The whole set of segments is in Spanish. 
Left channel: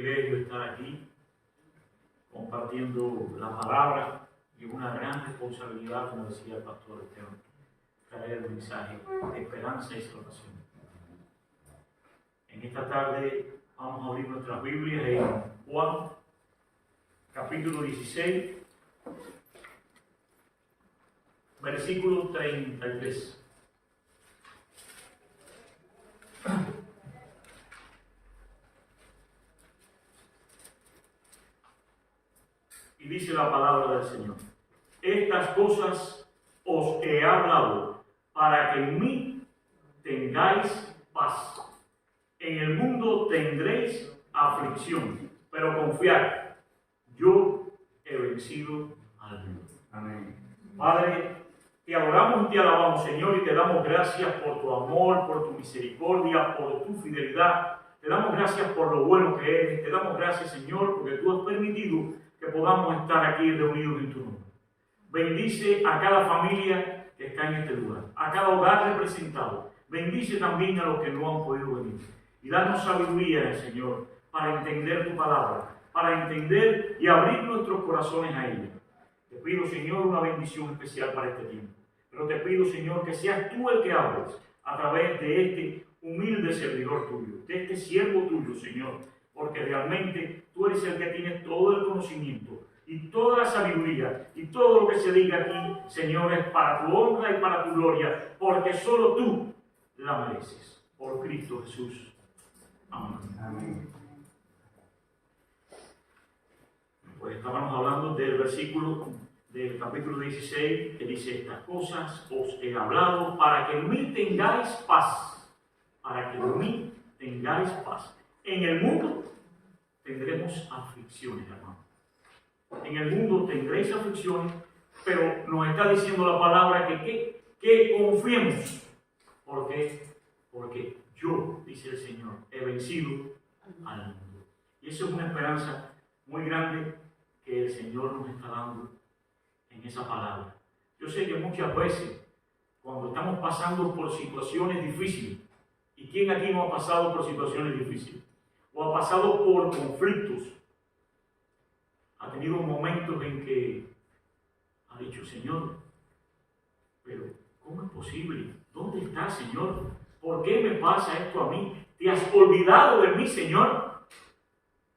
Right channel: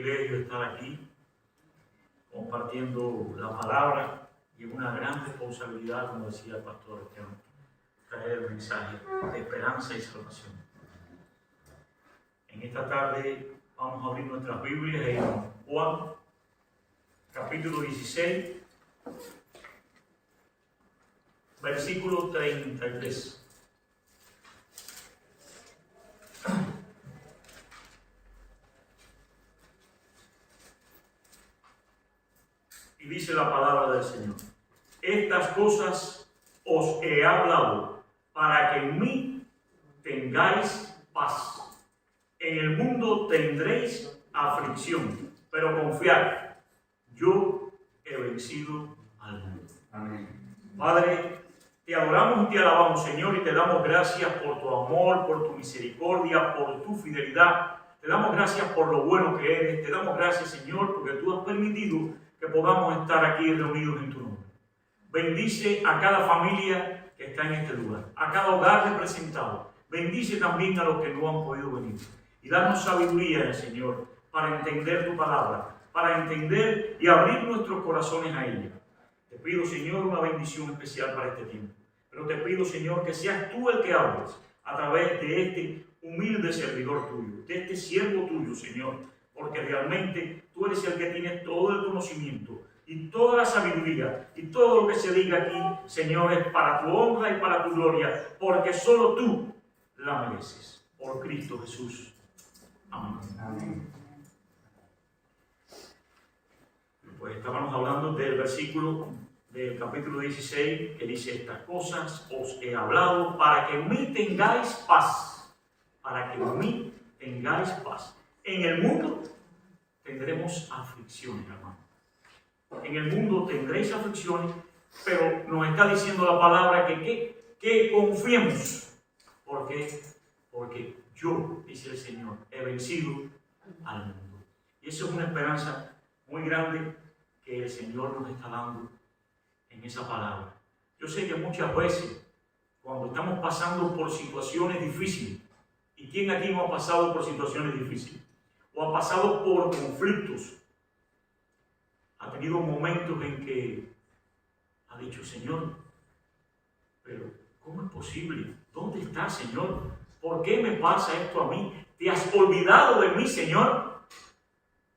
privilegio estar aquí compartiendo la palabra y una gran responsabilidad, como decía el pastor Esteban, traer el mensaje de esperanza y salvación. En esta tarde vamos a abrir nuestras Biblias en Juan, capítulo 16, versículo 33. Y dice la palabra del Señor: estas cosas os he hablado para que en mí tengáis paz. En el mundo tendréis aflicción, pero confiad, yo he vencido al mundo. Amén. Padre, te adoramos y te alabamos, Señor, y te damos gracias por tu amor, por tu misericordia, por tu fidelidad. Te damos gracias por lo bueno que eres. Te damos gracias, Señor, porque tú has permitido que podamos estar aquí reunidos en tu nombre. Bendice a cada familia que está en este lugar, a cada hogar representado. Bendice también a los que no han podido venir. Y danos sabiduría, Señor, para entender tu palabra, para entender y abrir nuestros corazones a ella. Te pido, Señor, una bendición especial para este tiempo. Pero te pido, Señor, que seas tú el que hables a través de este humilde servidor tuyo, de este siervo tuyo, Señor, porque realmente tú eres el que tienes todo el conocimiento y toda la sabiduría, y todo lo que se diga aquí, Señor, es para tu honra y para tu gloria, porque solo tú la mereces. Por Cristo Jesús. Amén. Amén. Pues estábamos hablando del versículo del capítulo 16 que dice: estas cosas os he hablado para que en mí tengáis paz. Para que en mí tengáis paz. En el mundo tendremos aflicciones, hermano. En el mundo tendréis aflicciones, pero nos está diciendo la palabra que confiemos. ¿Por qué? Porque yo, dice el Señor, he vencido al mundo. Y eso es una esperanza muy grande que el Señor nos está dando en esa palabra. Yo sé que muchas veces, cuando estamos pasando por situaciones difíciles, ¿y quién aquí no ha pasado por situaciones difíciles? O ha pasado por conflictos, ha tenido momentos en que ha dicho: Señor, pero ¿cómo es posible? ¿Dónde está, Señor? ¿Por qué me pasa esto a mí? ¿Te has olvidado de mí, Señor?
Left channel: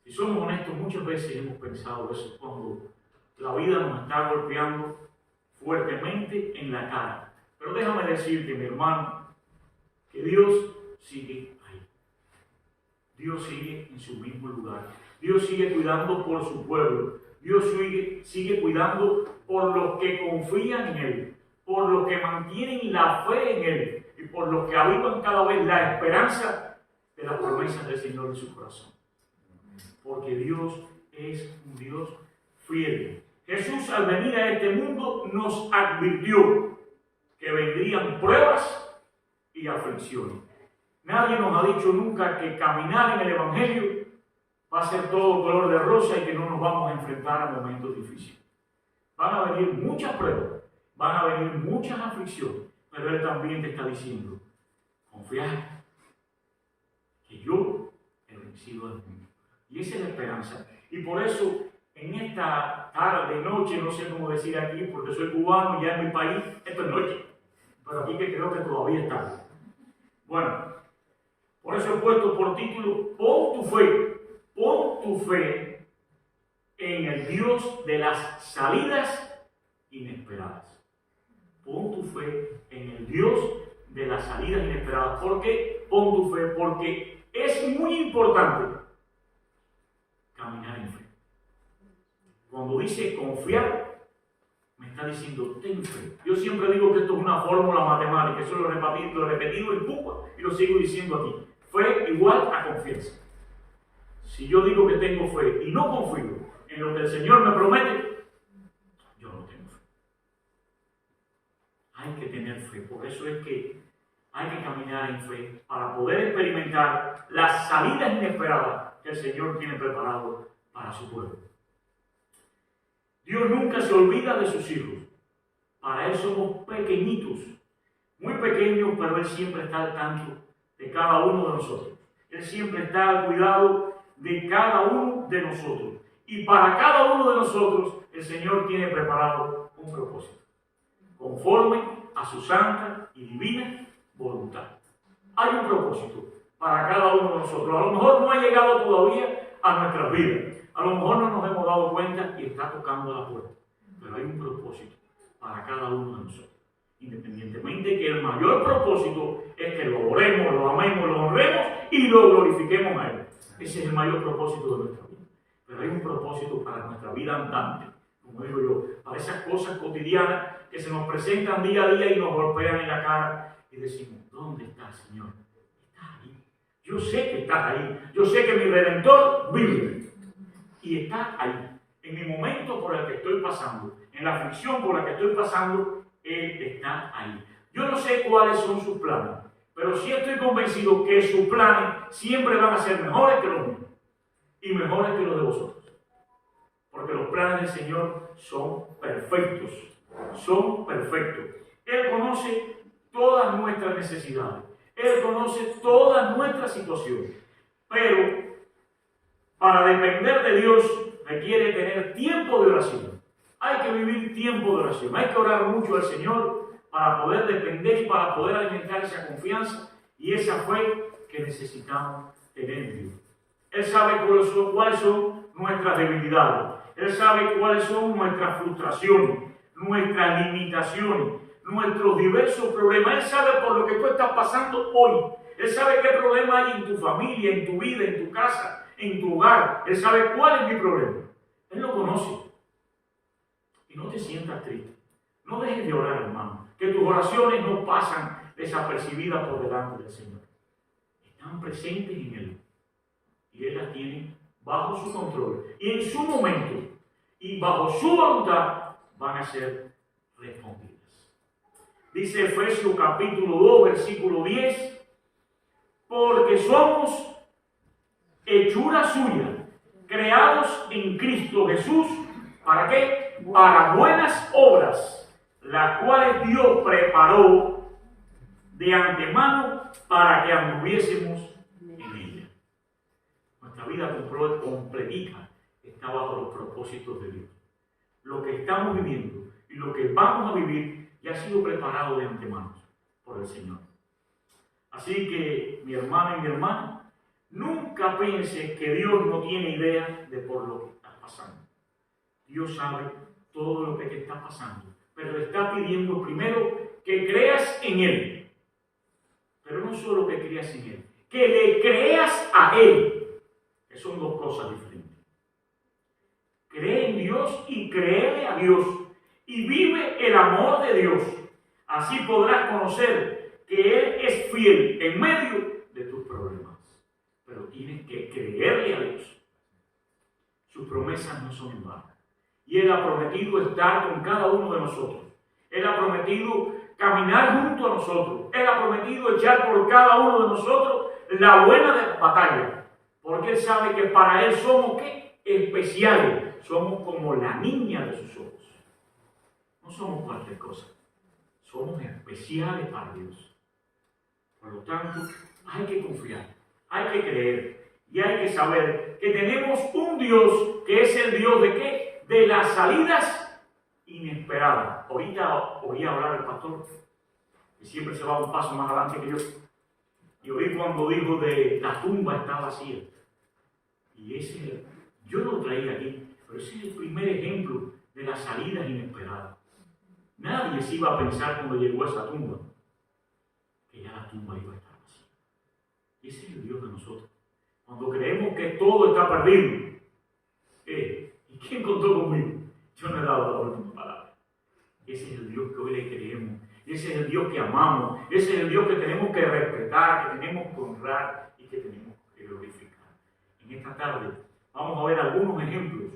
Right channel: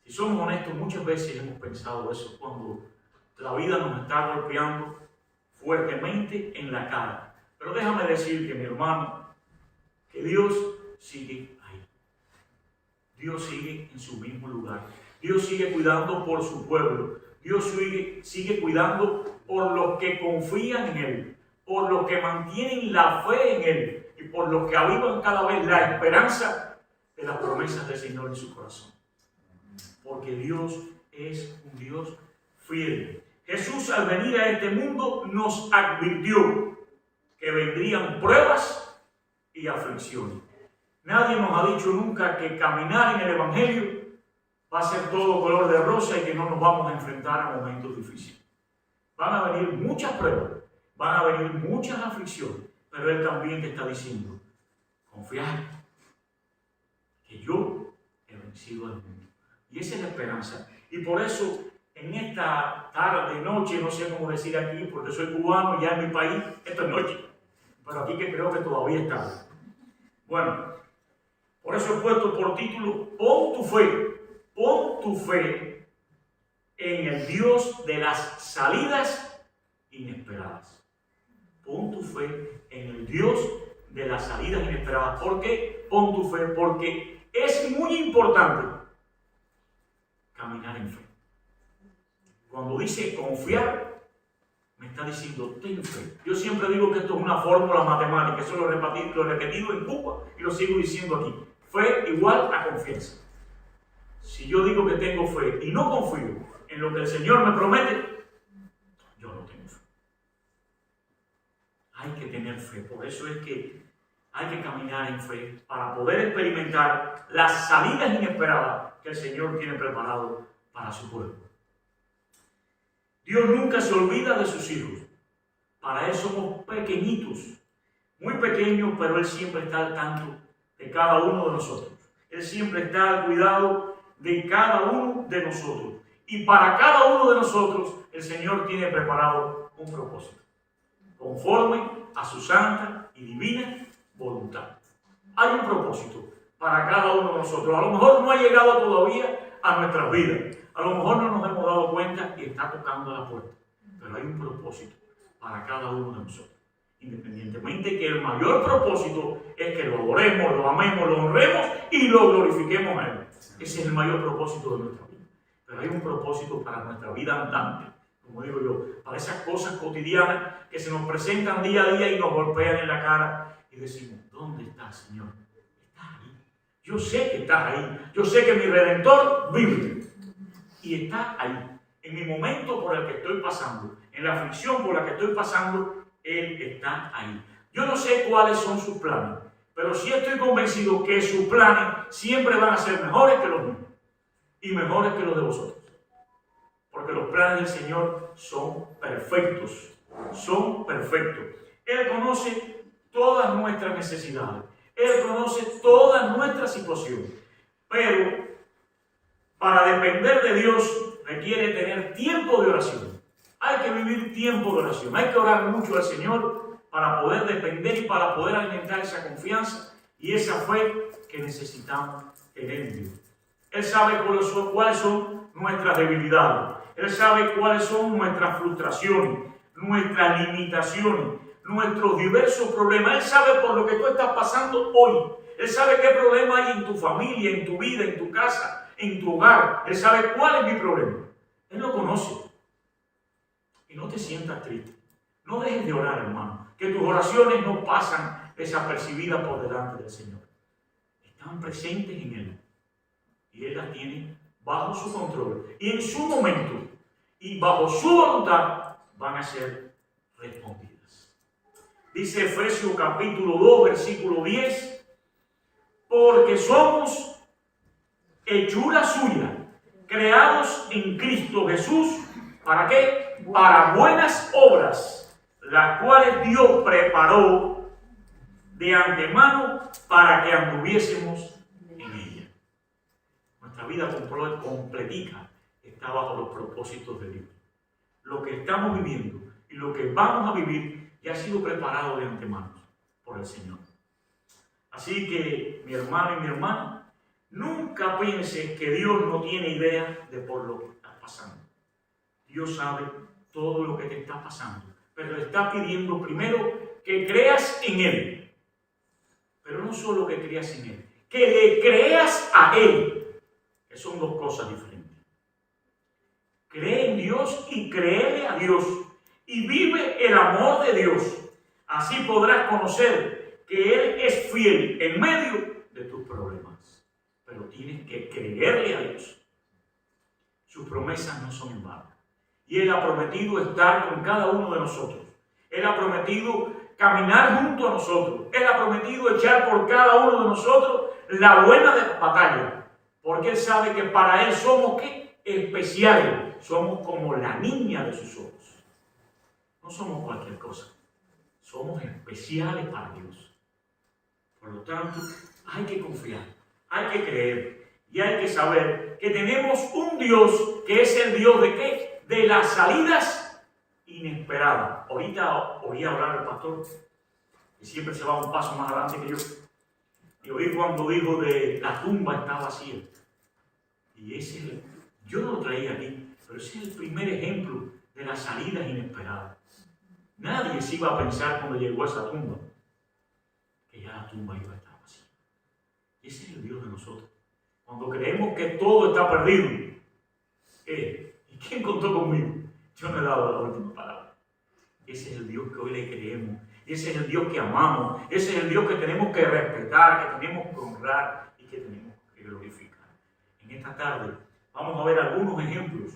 Si somos honestos, muchas veces hemos pensado eso cuando la vida nos está golpeando fuertemente en la cara. Pero déjame decirte, mi hermano, que Dios sigue ahí. Dios sigue en su mismo lugar. Dios sigue cuidando por su pueblo. Dios sigue cuidando por los que confían en Él, por los que mantienen la fe en Él y por los que avivan cada vez la esperanza de las promesas del Señor en su corazón. Porque Dios es un Dios fiel. Jesús, al venir a este mundo, nos advirtió que vendrían pruebas y aflicciones. Nadie nos ha dicho nunca que caminar en el Evangelio va a ser todo color de rosa y que no nos vamos a enfrentar a momentos difíciles. Van a venir muchas pruebas, van a venir muchas aflicciones, pero Él también te está diciendo: confiad, que yo he vencido al mundo. Y esa es la esperanza. Y por eso, en esta tarde, noche, no sé cómo decir aquí, porque soy cubano y ya en mi país, esto es noche. Pero aquí que creo que todavía es tarde. Bueno, por eso he puesto por título: pon tu fe en el Dios de las salidas inesperadas. Pon tu fe en el Dios de las salidas inesperadas. ¿Por qué pon tu fe? Porque es muy importante caminar en fe. Cuando dice confiar, me está diciendo: ten fe. Yo siempre digo que esto es una fórmula matemática. Eso lo he repetido en Cuba y lo sigo diciendo aquí. Fe igual a confianza. Si yo digo que tengo fe y no confío en lo que el Señor me promete, yo no tengo fe. Hay que tener fe. Por eso es que hay que caminar en fe para poder experimentar las salidas inesperadas que el Señor tiene preparado para su pueblo. Dios nunca se olvida de sus hijos. Para Él somos pequeñitos, muy pequeños, pero Él siempre está al tanto de cada uno de nosotros. Él siempre está al cuidado de cada uno de nosotros. Y para cada uno de nosotros el Señor tiene preparado un propósito, conforme a su santa y divina voluntad. Hay un propósito para cada uno de nosotros. A lo mejor no ha llegado todavía a nuestras vidas. A lo mejor no nos hemos dado cuenta y está tocando la puerta. Pero hay un propósito para cada uno de nosotros. Independientemente que el mayor propósito es que lo adoremos, lo amemos, lo honremos y lo glorifiquemos a Él. Ese es el mayor propósito de nuestra vida. Pero hay un propósito para nuestra vida andante, como digo yo, para esas cosas cotidianas que se nos presentan día a día y nos golpean en la cara y decimos, ¿dónde estás, Señor? Estás ahí. Yo sé que estás ahí. Yo sé que mi Redentor vive y está ahí. En mi momento por el que estoy pasando, en la aflicción por la que estoy pasando, Él está ahí. Yo no sé cuáles son sus planes, pero sí estoy convencido que sus planes siempre van a ser mejores que los míos y mejores que los de vosotros. Porque los planes del Señor son perfectos. Son perfectos. Él conoce todas nuestras necesidades. Él conoce todas nuestras situaciones. Pero para depender de Dios requiere tener tiempo de oración. Hay que vivir tiempo de oración. Hay que orar mucho al Señor para poder depender y para poder alimentar esa confianza y esa fe que necesitamos tener en Dios. Él sabe cuáles son nuestras debilidades. Él sabe cuáles son nuestras frustraciones, nuestras limitaciones, nuestros diversos problemas. Él sabe por lo que tú estás pasando hoy. Él sabe qué problema hay en tu familia, en tu vida, en tu casa, en tu hogar. Él sabe cuál es mi problema. Él lo conoce. Y no te sientas triste. No dejes de orar, hermano. Que tus oraciones no pasan desapercibidas por delante del Señor. Están presentes en Él. Y Él las tiene bajo su control. Y en su momento y bajo su voluntad van a ser respondidas. Dice Efesios capítulo 2, versículo 10. Porque somos hechura suya, creados en Cristo Jesús. ¿Para qué? Para buenas obras, las cuales Dios preparó de antemano para que anduviésemos en ella. Nuestra vida completica está bajo los propósitos de Dios. Lo que estamos viviendo y lo que vamos a vivir ya ha sido preparado de antemano por el Señor. Así que, mi hermano y mi hermana, nunca pienses que Dios no tiene idea de por lo que estás pasando. Dios sabe todo lo que te está pasando, pero le está pidiendo primero que creas en Él. Pero no solo que creas en Él, que le creas a Él, que son dos cosas diferentes. Cree en Dios y créele a Dios y vive el amor de Dios. Así podrás conocer que Él es fiel en medio de tus problemas. Pero tienes que creerle a Dios. Sus promesas no son en vano. Y Él ha prometido estar con cada uno de nosotros. Él ha prometido caminar junto a nosotros. Él ha prometido echar por cada uno de nosotros la buena batalla. Porque Él sabe que para Él somos ¿qué? Especiales. Somos como la niña de sus ojos. No somos cualquier cosa. Somos especiales para Dios. Por lo tanto, hay que confiar, hay que creer y hay que saber que tenemos un Dios que es el Dios de ¿qué? De las salidas inesperadas. Ahorita oí hablar el pastor, que siempre se va un paso más adelante que yo. Y oí cuando dijo de la tumba está vacía. Y ese, yo no lo traía aquí, pero ese es el primer ejemplo de las salidas inesperadas. Nadie se iba a pensar cuando llegó a esa tumba que ya la tumba iba a estar vacía. Ese es el Dios de nosotros. Cuando creemos que todo está perdido. ¿Y quién contó conmigo? Yo no he dado la última palabra. Ese es el Dios que hoy le creemos. Ese es el Dios que amamos. Ese es el Dios que tenemos que respetar, que tenemos que honrar y que tenemos que glorificar. En esta tarde vamos a ver algunos ejemplos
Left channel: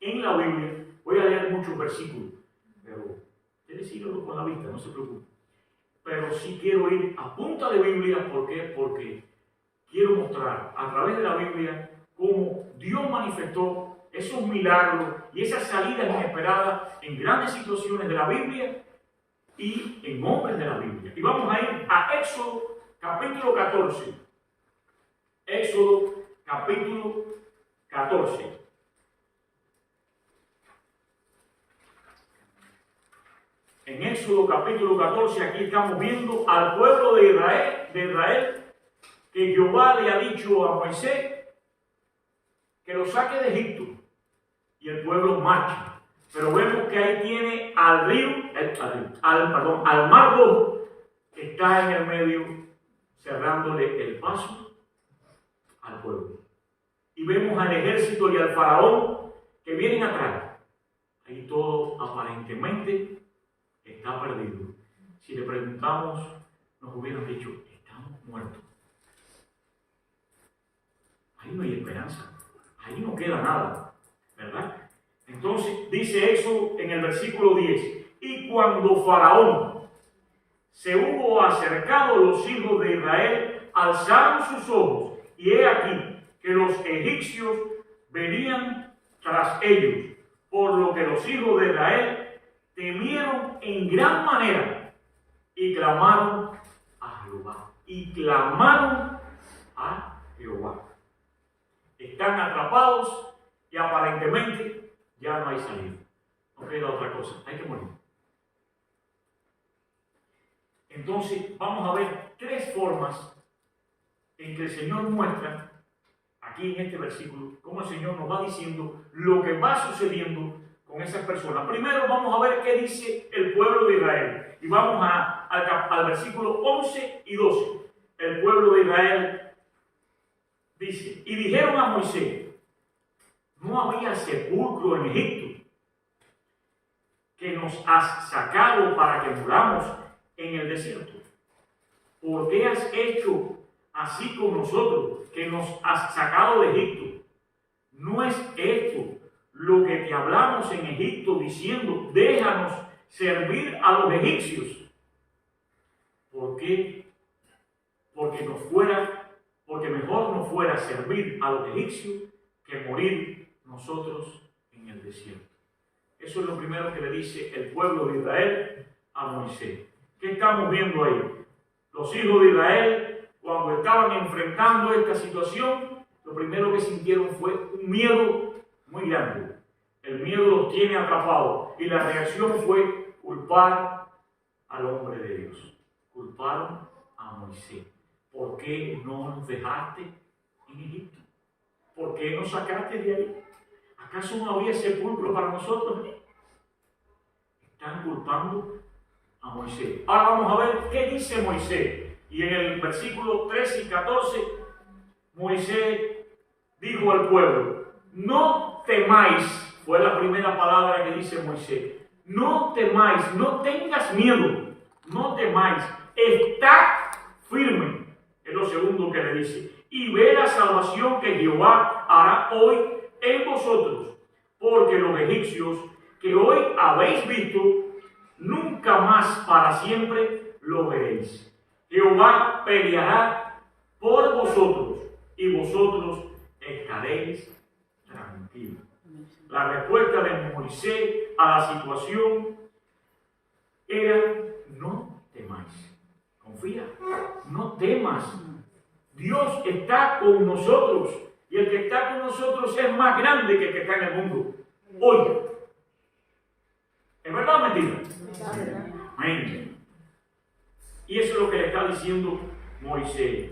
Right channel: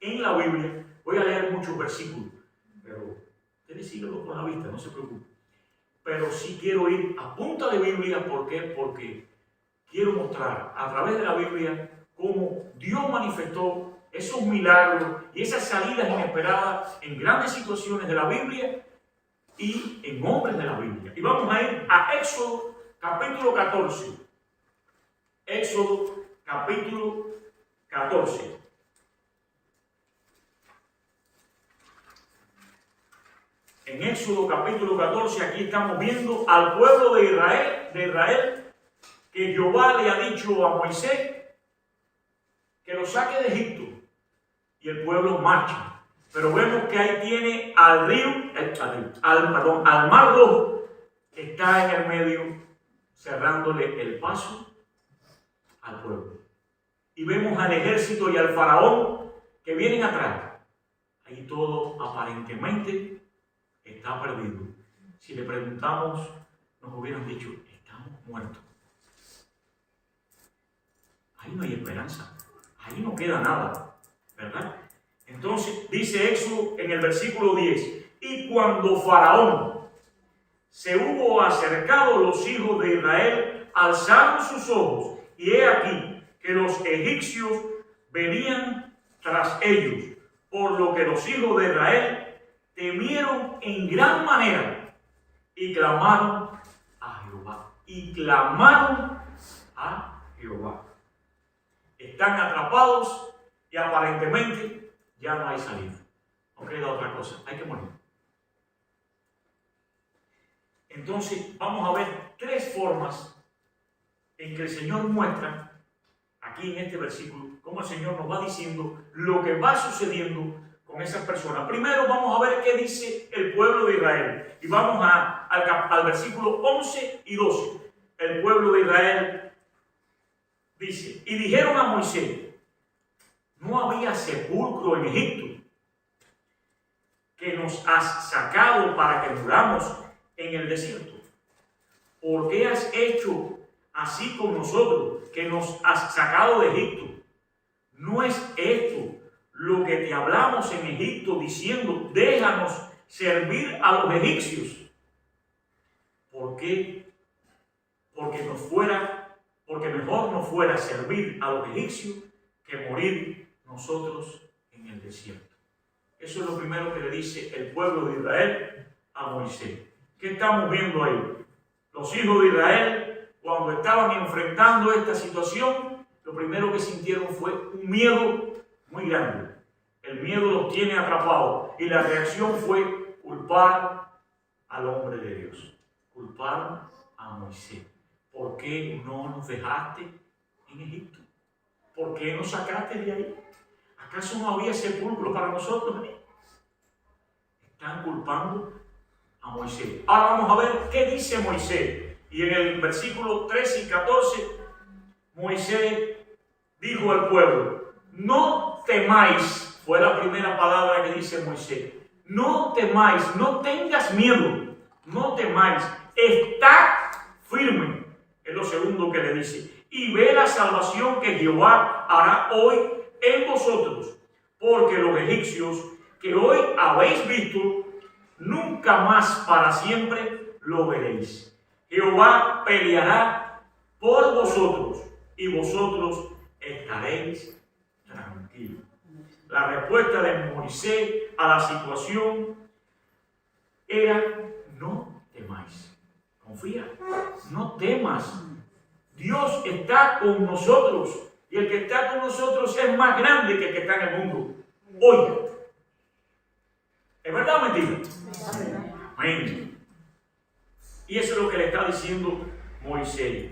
en la Biblia. Voy a leer muchos versículos, pero ustedes síganlo con la vista, no se preocupen. Pero sí quiero ir a punta de Biblia. ¿Por qué? Porque quiero mostrar a través de la Biblia cómo Dios manifestó esos milagros y esas salidas inesperadas en grandes situaciones de la Biblia y en hombres de la Biblia. Y vamos a ir a Éxodo capítulo 14. Éxodo capítulo 14. En Éxodo capítulo 14, aquí estamos viendo al pueblo de Israel, que Jehová le ha dicho a Moisés que lo saque de Egipto, y el pueblo marcha. Pero vemos que ahí tiene al mar Rojo, que está en el medio, cerrándole el paso al pueblo. Y vemos al ejército y al faraón que vienen atrás. Ahí todo aparentemente está perdido. Si le preguntamos, nos hubieran dicho, estamos muertos. Ahí no hay esperanza. Ahí no queda nada, ¿verdad? Entonces dice Éxodo en el versículo 10, y cuando Faraón se hubo acercado, los hijos de Israel alzaron sus ojos, y he aquí que los egipcios venían tras ellos, por lo que los hijos de Israel temieron en gran manera y clamaron a Jehová. Y clamaron a Jehová. Están atrapados y aparentemente ya no hay salida. No queda otra cosa, hay que morir. Entonces vamos a ver tres formas en que el Señor muestra aquí en este versículo cómo el Señor nos va diciendo lo que va sucediendo con esas personas. Primero vamos a ver qué dice el pueblo de Israel. Y vamos al versículo 11 y 12. El pueblo de Israel dice, y dijeron a Moisés, no había sepulcro en Egipto, que nos has sacado para que muramos en el desierto. ¿Por qué has hecho así con nosotros, que nos has sacado de Egipto? ¿No es esto lo que te hablamos en Egipto, diciendo, déjanos servir a los egipcios? ¿Por qué? Porque mejor nos fuera servir a los egipcios que morir nosotros en el desierto. Eso es lo primero que le dice el pueblo de Israel a Moisés. ¿Qué estamos viendo ahí? Los hijos de Israel, cuando estaban enfrentando esta situación, lo primero que sintieron fue un miedo muy grande. El miedo los tiene atrapados y la reacción fue culpar al hombre de Dios. Culparon a Moisés. ¿Por qué no nos dejaste en Egipto? ¿Por qué nos sacaste de ahí? ¿Acaso no había sepulcro para nosotros? Están culpando a Moisés. Ahora vamos a ver qué dice Moisés. Y en el versículo 13 y 14, Moisés dijo al pueblo, no temáis, fue la primera palabra que dice Moisés, no temáis, no tengas miedo, no temáis, está firme, es lo segundo que le dice, y ve la salvación que Jehová hará hoy en vosotros, porque los egipcios que hoy habéis visto, nunca más para siempre lo veréis. Jehová peleará por vosotros y vosotros estaréis tranquilos. La respuesta de Moisés a la situación era, no temáis. Confía, no temas. Dios está con nosotros y el que está con nosotros es más grande que el que está en el mundo. Hoy. ¿Es verdad o mentira? Amén. Y eso es lo que le está diciendo Moisés.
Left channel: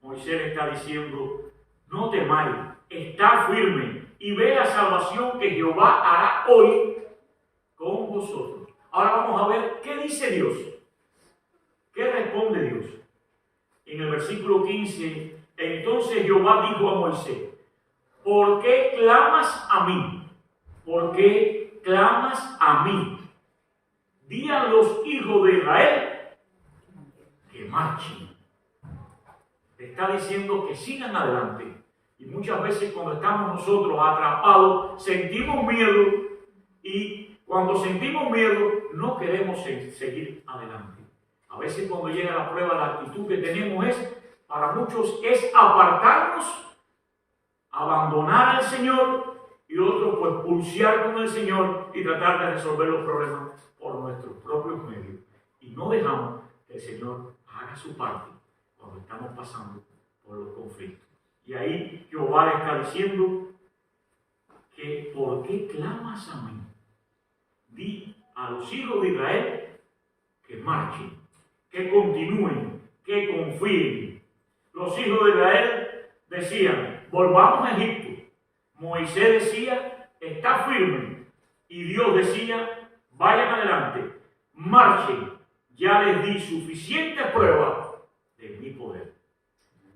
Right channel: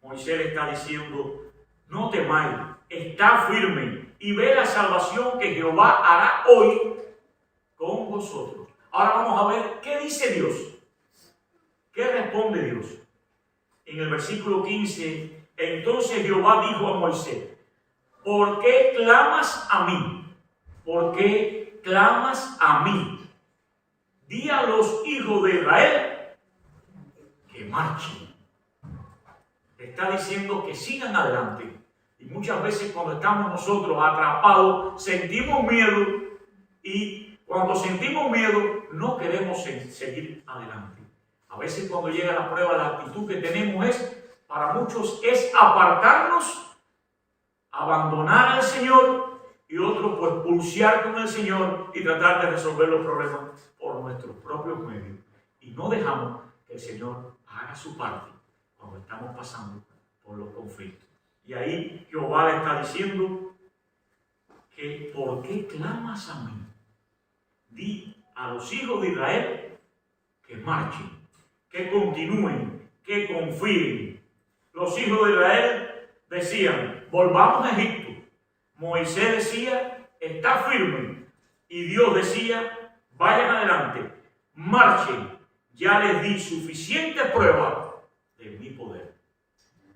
Moisés le está diciendo, no temáis, está firme y ve la salvación que Jehová hará hoy con vosotros. Ahora vamos a ver qué dice Dios. ¿Qué responde Dios? En el versículo 15, entonces Jehová dijo a Moisés, ¿por qué clamas a mí? ¿Por qué clamas a mí? Di a los hijos de Israel que marchen. Está diciendo que sigan adelante. Y muchas veces cuando estamos nosotros atrapados, sentimos miedo. Y cuando sentimos miedo, no queremos seguir adelante. A veces cuando llega la prueba, la actitud que tenemos para muchos es apartarnos, abandonar al Señor, y otros pues pulsear con el Señor y tratar de resolver los problemas por nuestros propios medios. Y no dejamos que el Señor haga su parte cuando estamos pasando por los conflictos. Y ahí Jehová le está diciendo, que ¿por qué clamas a mí? Di a los hijos de Israel que marchen, que continúen, que confíen. Los hijos de Israel decían, volvamos a Egipto. Moisés decía, está firme. Y Dios decía, vayan adelante, marchen. Ya les di suficiente prueba de mi poder.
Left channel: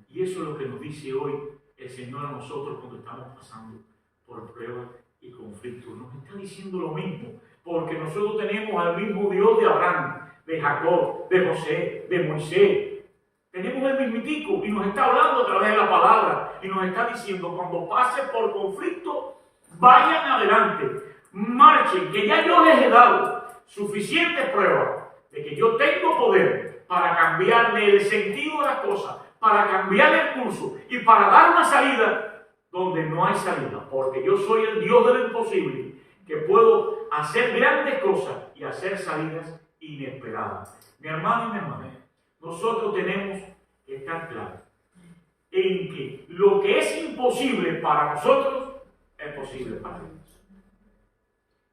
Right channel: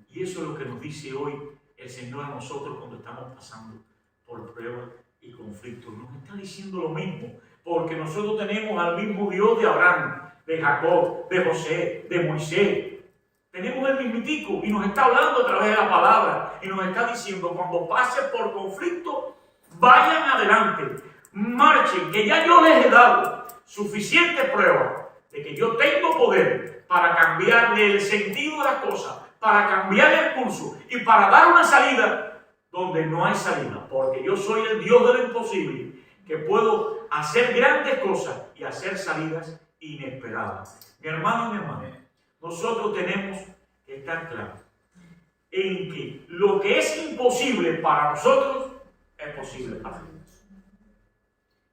Y eso es lo que nos dice hoy el Señor a nosotros cuando estamos pasando por pruebas y conflictos. Nos está diciendo lo mismo, porque nosotros tenemos al mismo Dios de Abraham, de Jacob, de José, de Moisés. Tenemos el mismitico y nos está hablando a través de la palabra y nos está diciendo, cuando pase por conflicto, vayan adelante, marchen, que ya yo les he dado suficiente prueba de que yo tengo poder para cambiarle el sentido de las cosas, para cambiarle el curso y para dar una salida donde no hay salida, porque yo soy el Dios de lo imposible, que puedo hacer grandes cosas y hacer salidas inesperadas. Mi hermano y mi hermana, nosotros tenemos que estar claros en que lo que es imposible para nosotros es posible para Dios.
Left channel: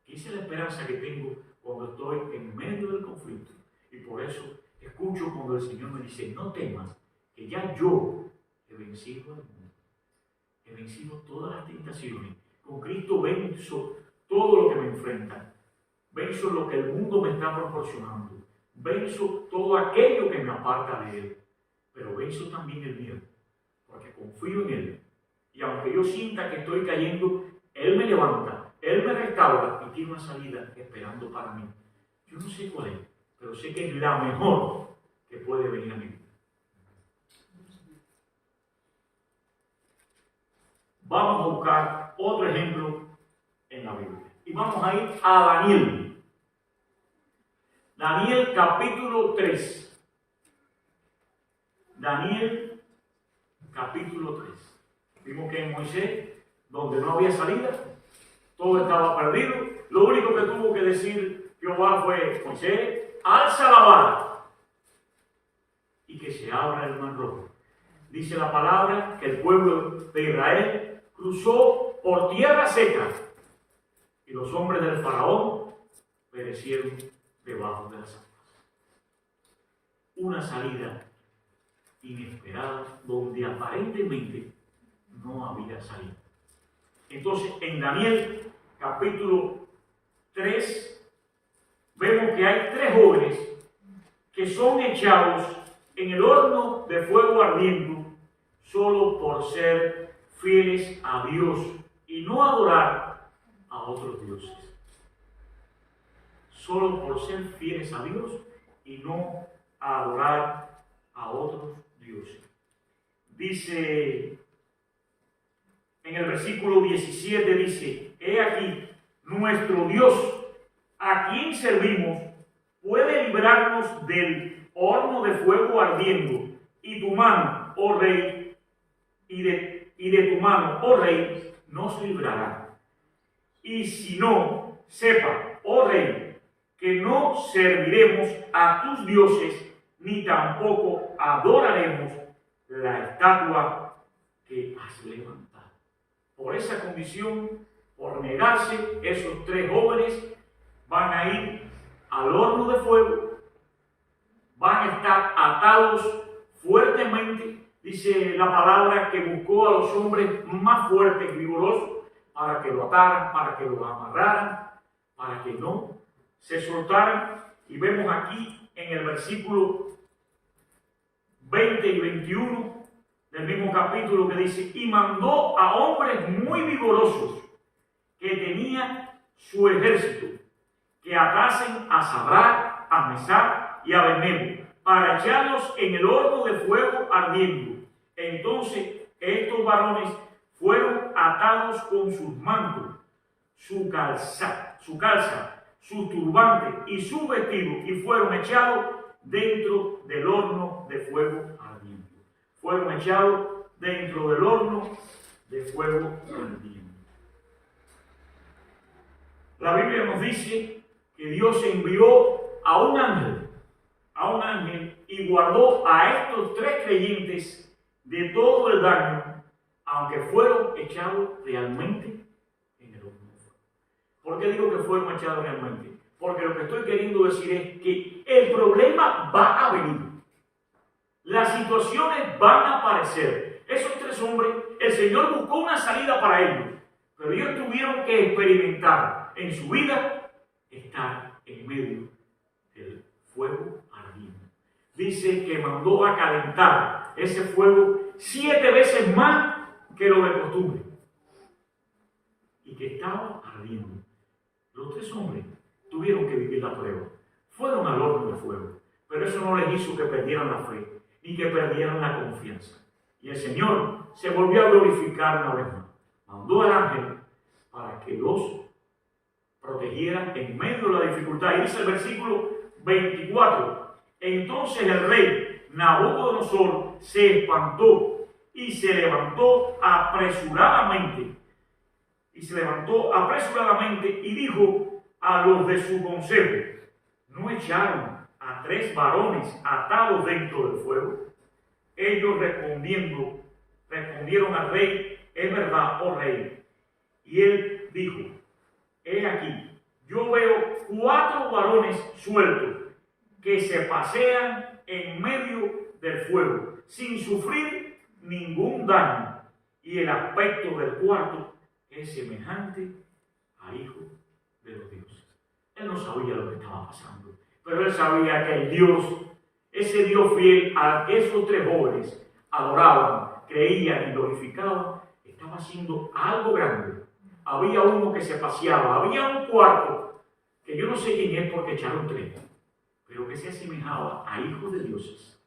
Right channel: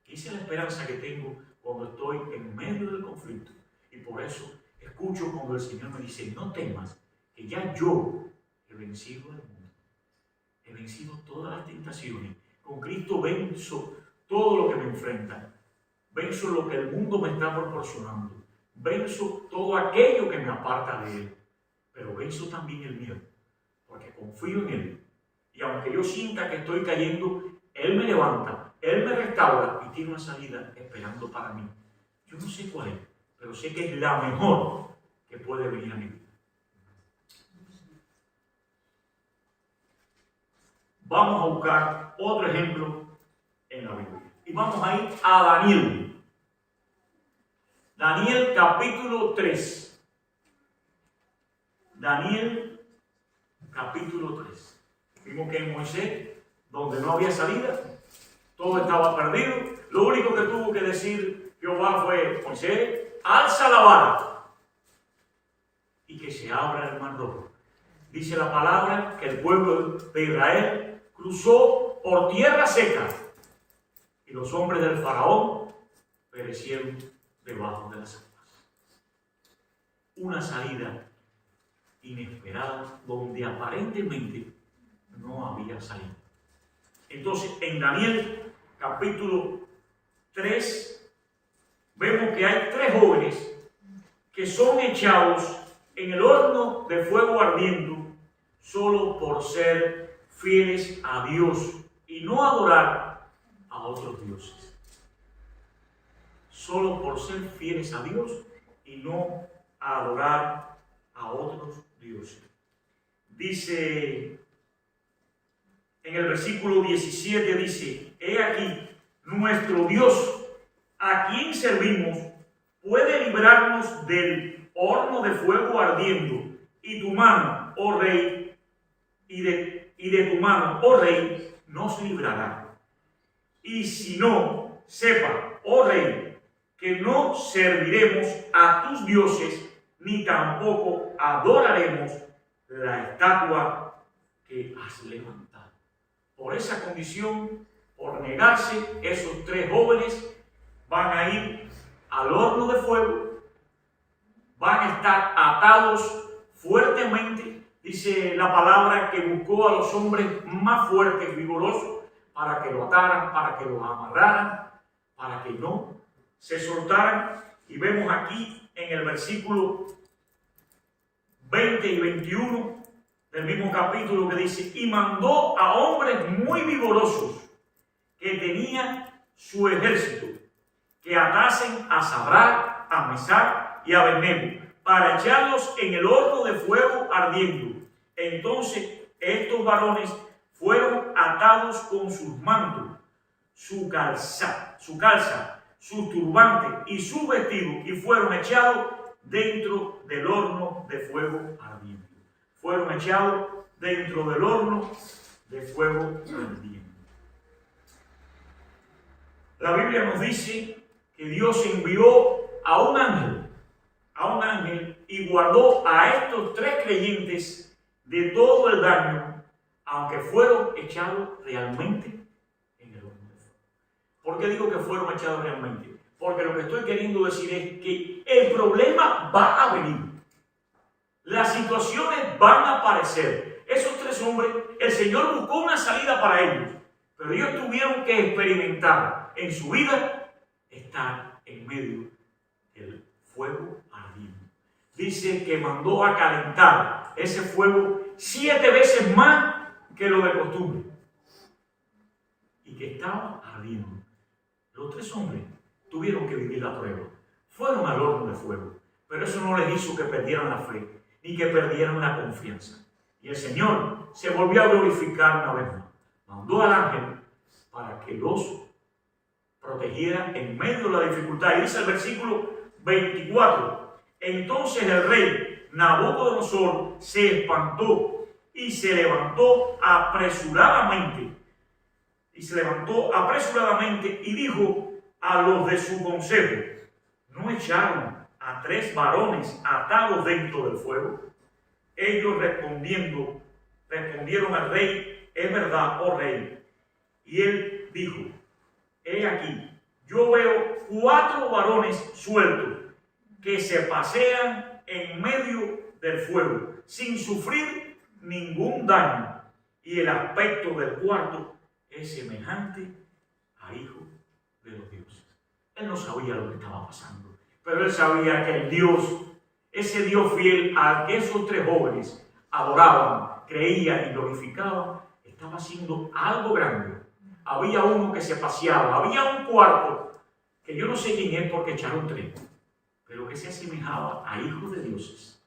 Esa es la esperanza que tengo cuando estoy en medio del conflicto. Y por eso escucho cuando el Señor me dice, no temas, que ya yo he vencido al mundo. He vencido todas las tentaciones. Con Cristo venzo todo lo que me enfrenta. Venzo lo que el mundo me está proporcionando. Venzo todo aquello que me aparta de Él. Pero venzo también el miedo, porque confío en Él. Y aunque yo sienta que estoy cayendo, Él me levanta, Él me restaura y tiene una salida esperando para mí. Yo no sé cuál es, pero sé que es la mejor que puede venir a mi vida. Vamos a buscar otro ejemplo en la Biblia. Y vamos a ir a Daniel. Daniel capítulo 3. Daniel capítulo 3. Vimos que en Moisés, donde no había salida, todo estaba perdido. Lo único que tuvo que decir Jehová fue, Moisés, alza la vara y que se abra el mar rojo. Dice la palabra que el pueblo de Israel cruzó por tierra seca y los hombres del faraón perecieron debajo de las aguas. Una salida inesperada donde aparentemente no había salida. Entonces, en Daniel capítulo 3 vemos que hay 3 jóvenes que son echados en el horno de fuego ardiendo solo por ser fieles a Dios y no adorar a otros dioses. Solo por ser fieles a Dios y no adorar a otros dioses. Dice en el versículo 17, dice, he aquí, nuestro Dios, a quien servimos, puede librarnos del horno de fuego ardiendo, y tu mano, oh rey, y de tu mano, oh rey, nos librará. Y si no, sepa, oh rey, que no serviremos a tus dioses, ni tampoco adoraremos la estatua que has levantado. Por esa condición, por negarse, esos 3 jóvenes van a ir al horno de fuego, van a estar atados fuertemente. Dice la palabra que buscó a los hombres más fuertes y vigorosos para que lo ataran, para que lo amarraran, para que no se soltaran. Y vemos aquí en el versículo 20 y 21 del mismo capítulo que dice, y mandó a hombres muy vigorosos que tenían su ejército, que atasen a Sadrach, a Mesach y a Abednego, para echarlos en el horno de fuego ardiendo. Entonces estos varones fueron atados con sus mantos, su calza, sus turbantes y su vestido, y fueron echados dentro del horno de fuego ardiendo. Fueron echados dentro del horno de fuego ardiendo. La Biblia nos dice que Dios envió a un ángel y guardó a estos 3 creyentes de todo el daño, aunque fueron echados realmente en el horno. ¿Por qué digo que fueron echados realmente? Porque lo que estoy queriendo decir es que el problema va a venir. Las situaciones van a aparecer. Esos 3 hombres, el Señor buscó una salida para ellos, pero ellos tuvieron que experimentar en su vida estar en medio del fuego ardiendo. Dice que mandó a calentar ese fuego 7 veces más que lo de costumbre y que estaba ardiendo. Los 3 hombres tuvieron que vivir la prueba. Fueron al horno de fuego, pero eso no les hizo que perdieran la fe ni que perdieran la confianza. Y el Señor se volvió a glorificar una vez más. Mandó al ángel para que los protegiera en medio de la dificultad. Y dice el versículo 24: entonces el rey Nabucodonosor se espantó y se levantó apresuradamente. Y dijo a los de su consejo: ¿no echaron a 3 varones atados dentro del fuego? Ellos respondieron al rey: es verdad, oh rey. Y él dijo: he aquí, yo veo 4 varones sueltos que se pasean en medio del fuego sin sufrir ningún daño, y el aspecto del cuarto es semejante a hijo de los dioses. Él no sabía lo que estaba pasando, pero él sabía que el Dios, ese Dios fiel al que esos 3 jóvenes adoraban, creían y glorificaban, estaba haciendo algo grande. Había uno que se paseaba, había un cuarto, que yo no sé quién es porque echaron 3, pero que se asemejaba a hijos de dioses.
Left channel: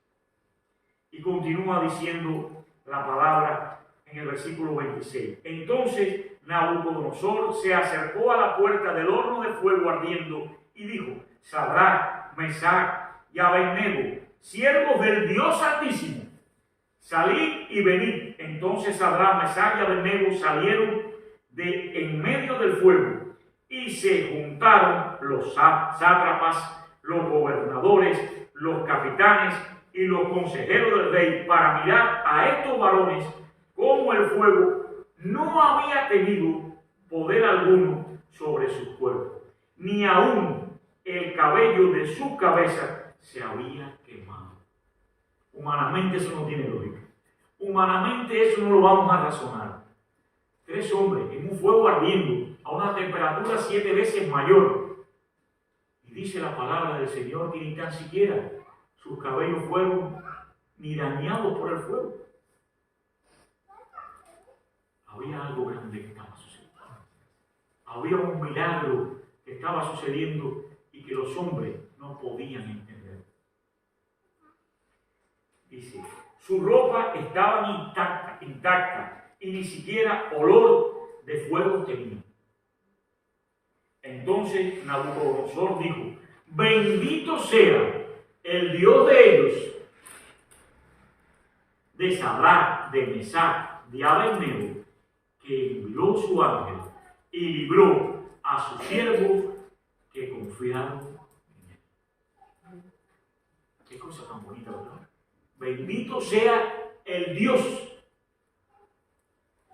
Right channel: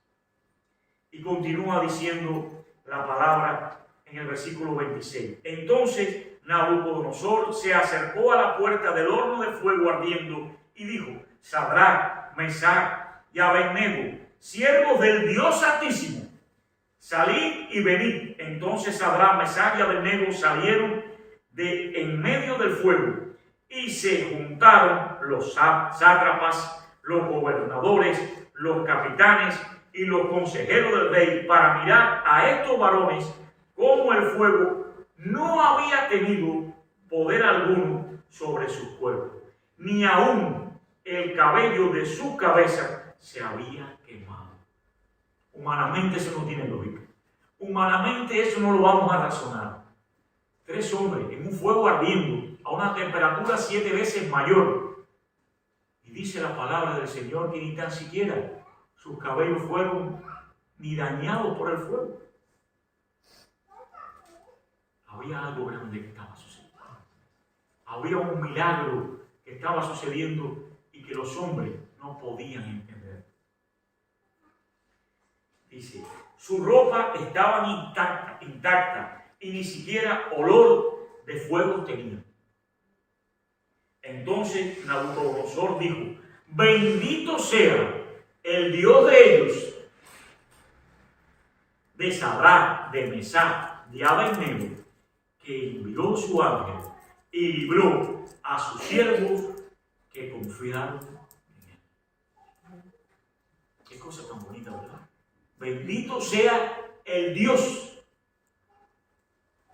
Y continúa diciendo la palabra en el versículo 26. Entonces Nabucodonosor se acercó a la puerta del horno de fuego ardiendo y dijo: Sadrach, Mesach y Abednego, siervos del Dios Altísimo, salid y venid. Entonces Sadrach, Mesach y Abednego salieron de en medio del fuego, y se juntaron los sátrapas, los gobernadores, los capitanes y los consejeros del rey para mirar a estos varones como el fuego no había tenido poder alguno sobre sus cuerpos, ni aún el cabello de su cabeza se había quemado. Humanamente eso no tiene lógica. Humanamente eso no lo vamos a razonar. 3 hombres en un fuego ardiendo a una temperatura 7 veces mayor. Y dice la palabra del Señor que ni tan siquiera sus cabellos fueron ni dañados por el fuego. Había algo grande que estaba sucediendo. Había un milagro que estaba sucediendo y que los hombres no podían entender. Dice, su ropa estaba intacta y ni siquiera olor de fuego tenía. Entonces Nabucodonosor dijo: bendito sea el Dios de ellos, de Sadrach, de Mesach, de Abednego, que envió su ángel y libró a sus siervos que confiaron en él. Qué cosa tan bonita, ¿verdad? Bendito sea el Dios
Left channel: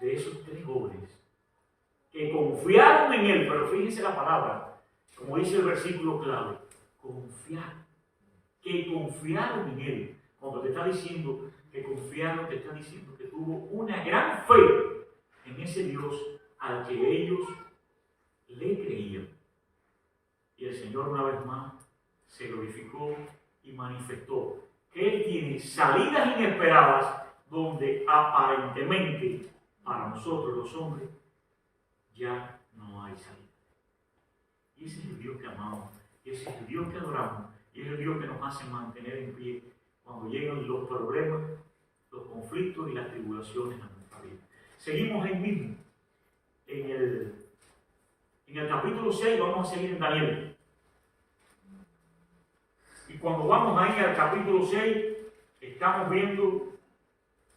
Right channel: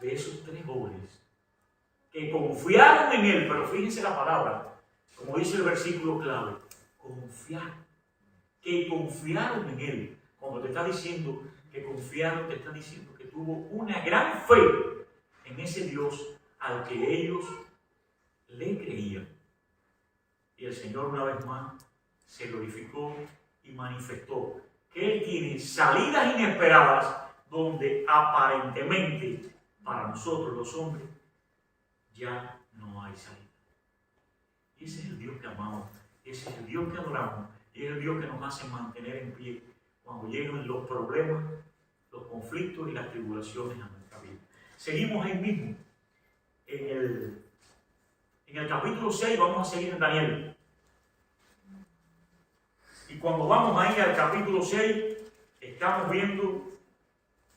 de esos 3 jóvenes que confiaron en él. Pero fíjense la palabra, como dice el versículo clave: confiar. Que confiaron en él. Cuando te está diciendo que confiaron, te está diciendo que tuvo una gran fe en ese Dios al que ellos le creían. Y el Señor una vez más se glorificó y manifestó que Él tiene salidas inesperadas donde aparentemente para nosotros los hombres ya no hay salida. Y ese es el Dios que amamos, ese es el Dios que adoramos, y es el Dios que nos hace mantener en pie cuando llegan los problemas, los conflictos y las tribulaciones a nuestra vida. Seguimos ahí mismo. En el capítulo 6 vamos a seguir en Daniel. Y cuando vamos ahí al capítulo 6, estamos viendo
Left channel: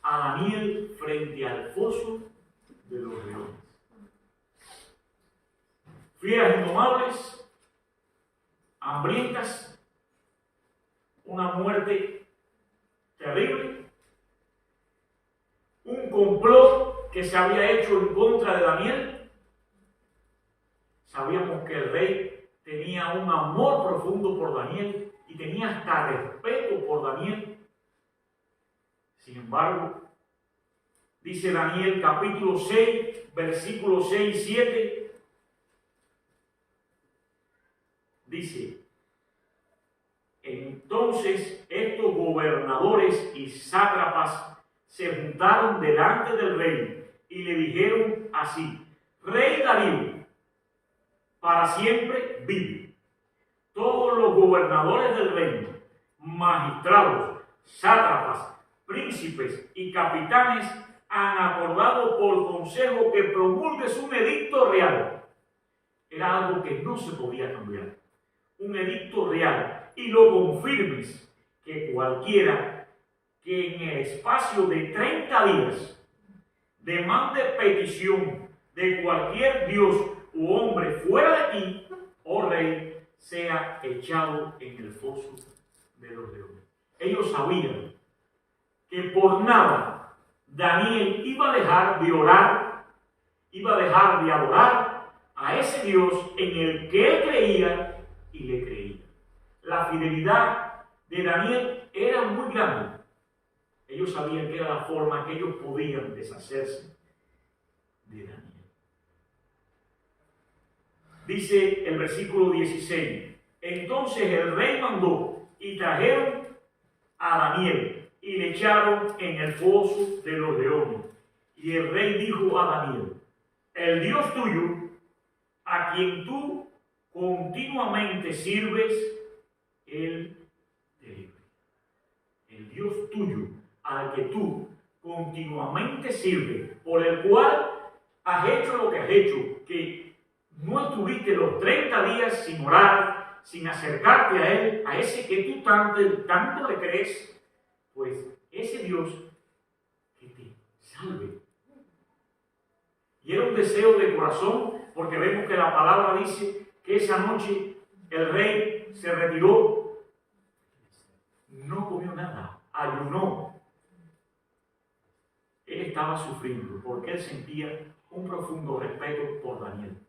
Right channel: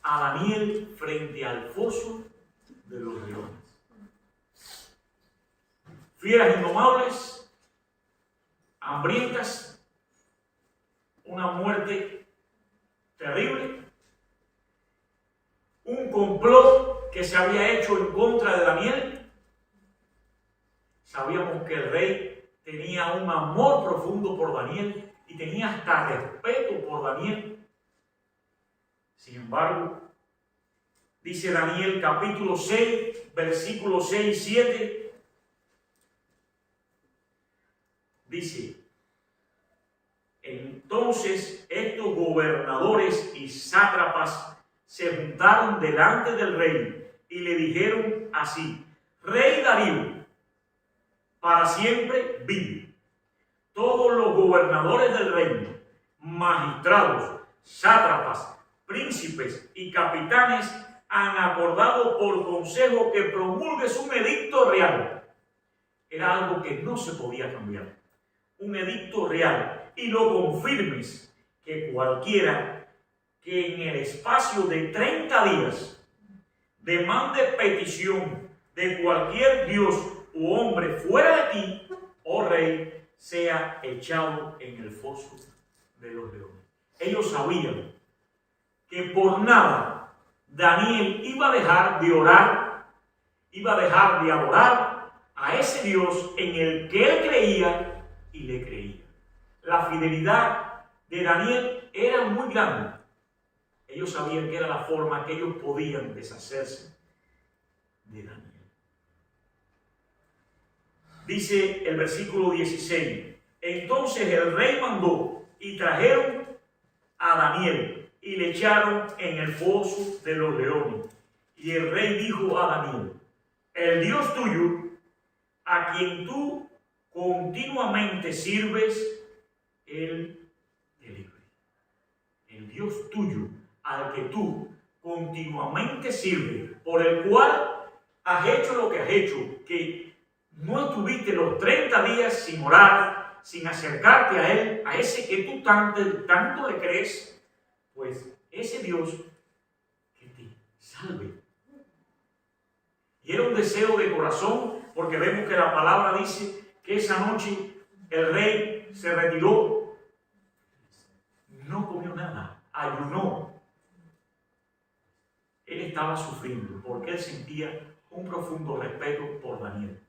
a Daniel frente al foso de los leones. Fieras indomables, hambrientas, una muerte terrible, un complot que se había hecho en contra de Daniel. sabíamos que el rey tenía un amor profundo por Daniel y tenía hasta respeto por Daniel. Sin embargo, dice Daniel capítulo 6, versículos 6 y 7, dice: entonces estos gobernadores y sátrapas se juntaron delante del rey y le dijeron así: Rey Darío, para siempre vive. Todos los gobernadores del reino, magistrados, sátrapas, príncipes y capitanes han acordado por consejo que promulgues un edicto real. Era algo que no se podía cambiar. Un edicto real, y lo confirmes, que cualquiera que en el espacio de 30 días demande petición de cualquier dios u hombre fuera de ti, oh rey, sea echado en el foso de los leones. Ellos sabían que por nada Daniel iba a dejar de orar, iba a dejar de adorar a ese Dios en el que él creía y le creía. La fidelidad de Daniel era muy grande. Ellos sabían que era la forma que ellos podían deshacerse de Daniel. Dice el versículo 16: entonces el rey mandó y trajeron a Daniel y le echaron en el foso de los leones. Y el rey dijo a Daniel: el Dios tuyo, a quien tú continuamente sirves, él te libre. El Dios tuyo, al que tú continuamente sirves, por el cual has hecho lo que has hecho, que no estuviste los 30 días sin orar, sin acercarte a él, a ese que tú tanto le crees, pues ese Dios que te salve. Y era un deseo de corazón, porque vemos que la palabra dice que esa noche el rey se retiró, no comió nada, ayunó. Él estaba sufriendo porque él sentía un profundo respeto por Daniel.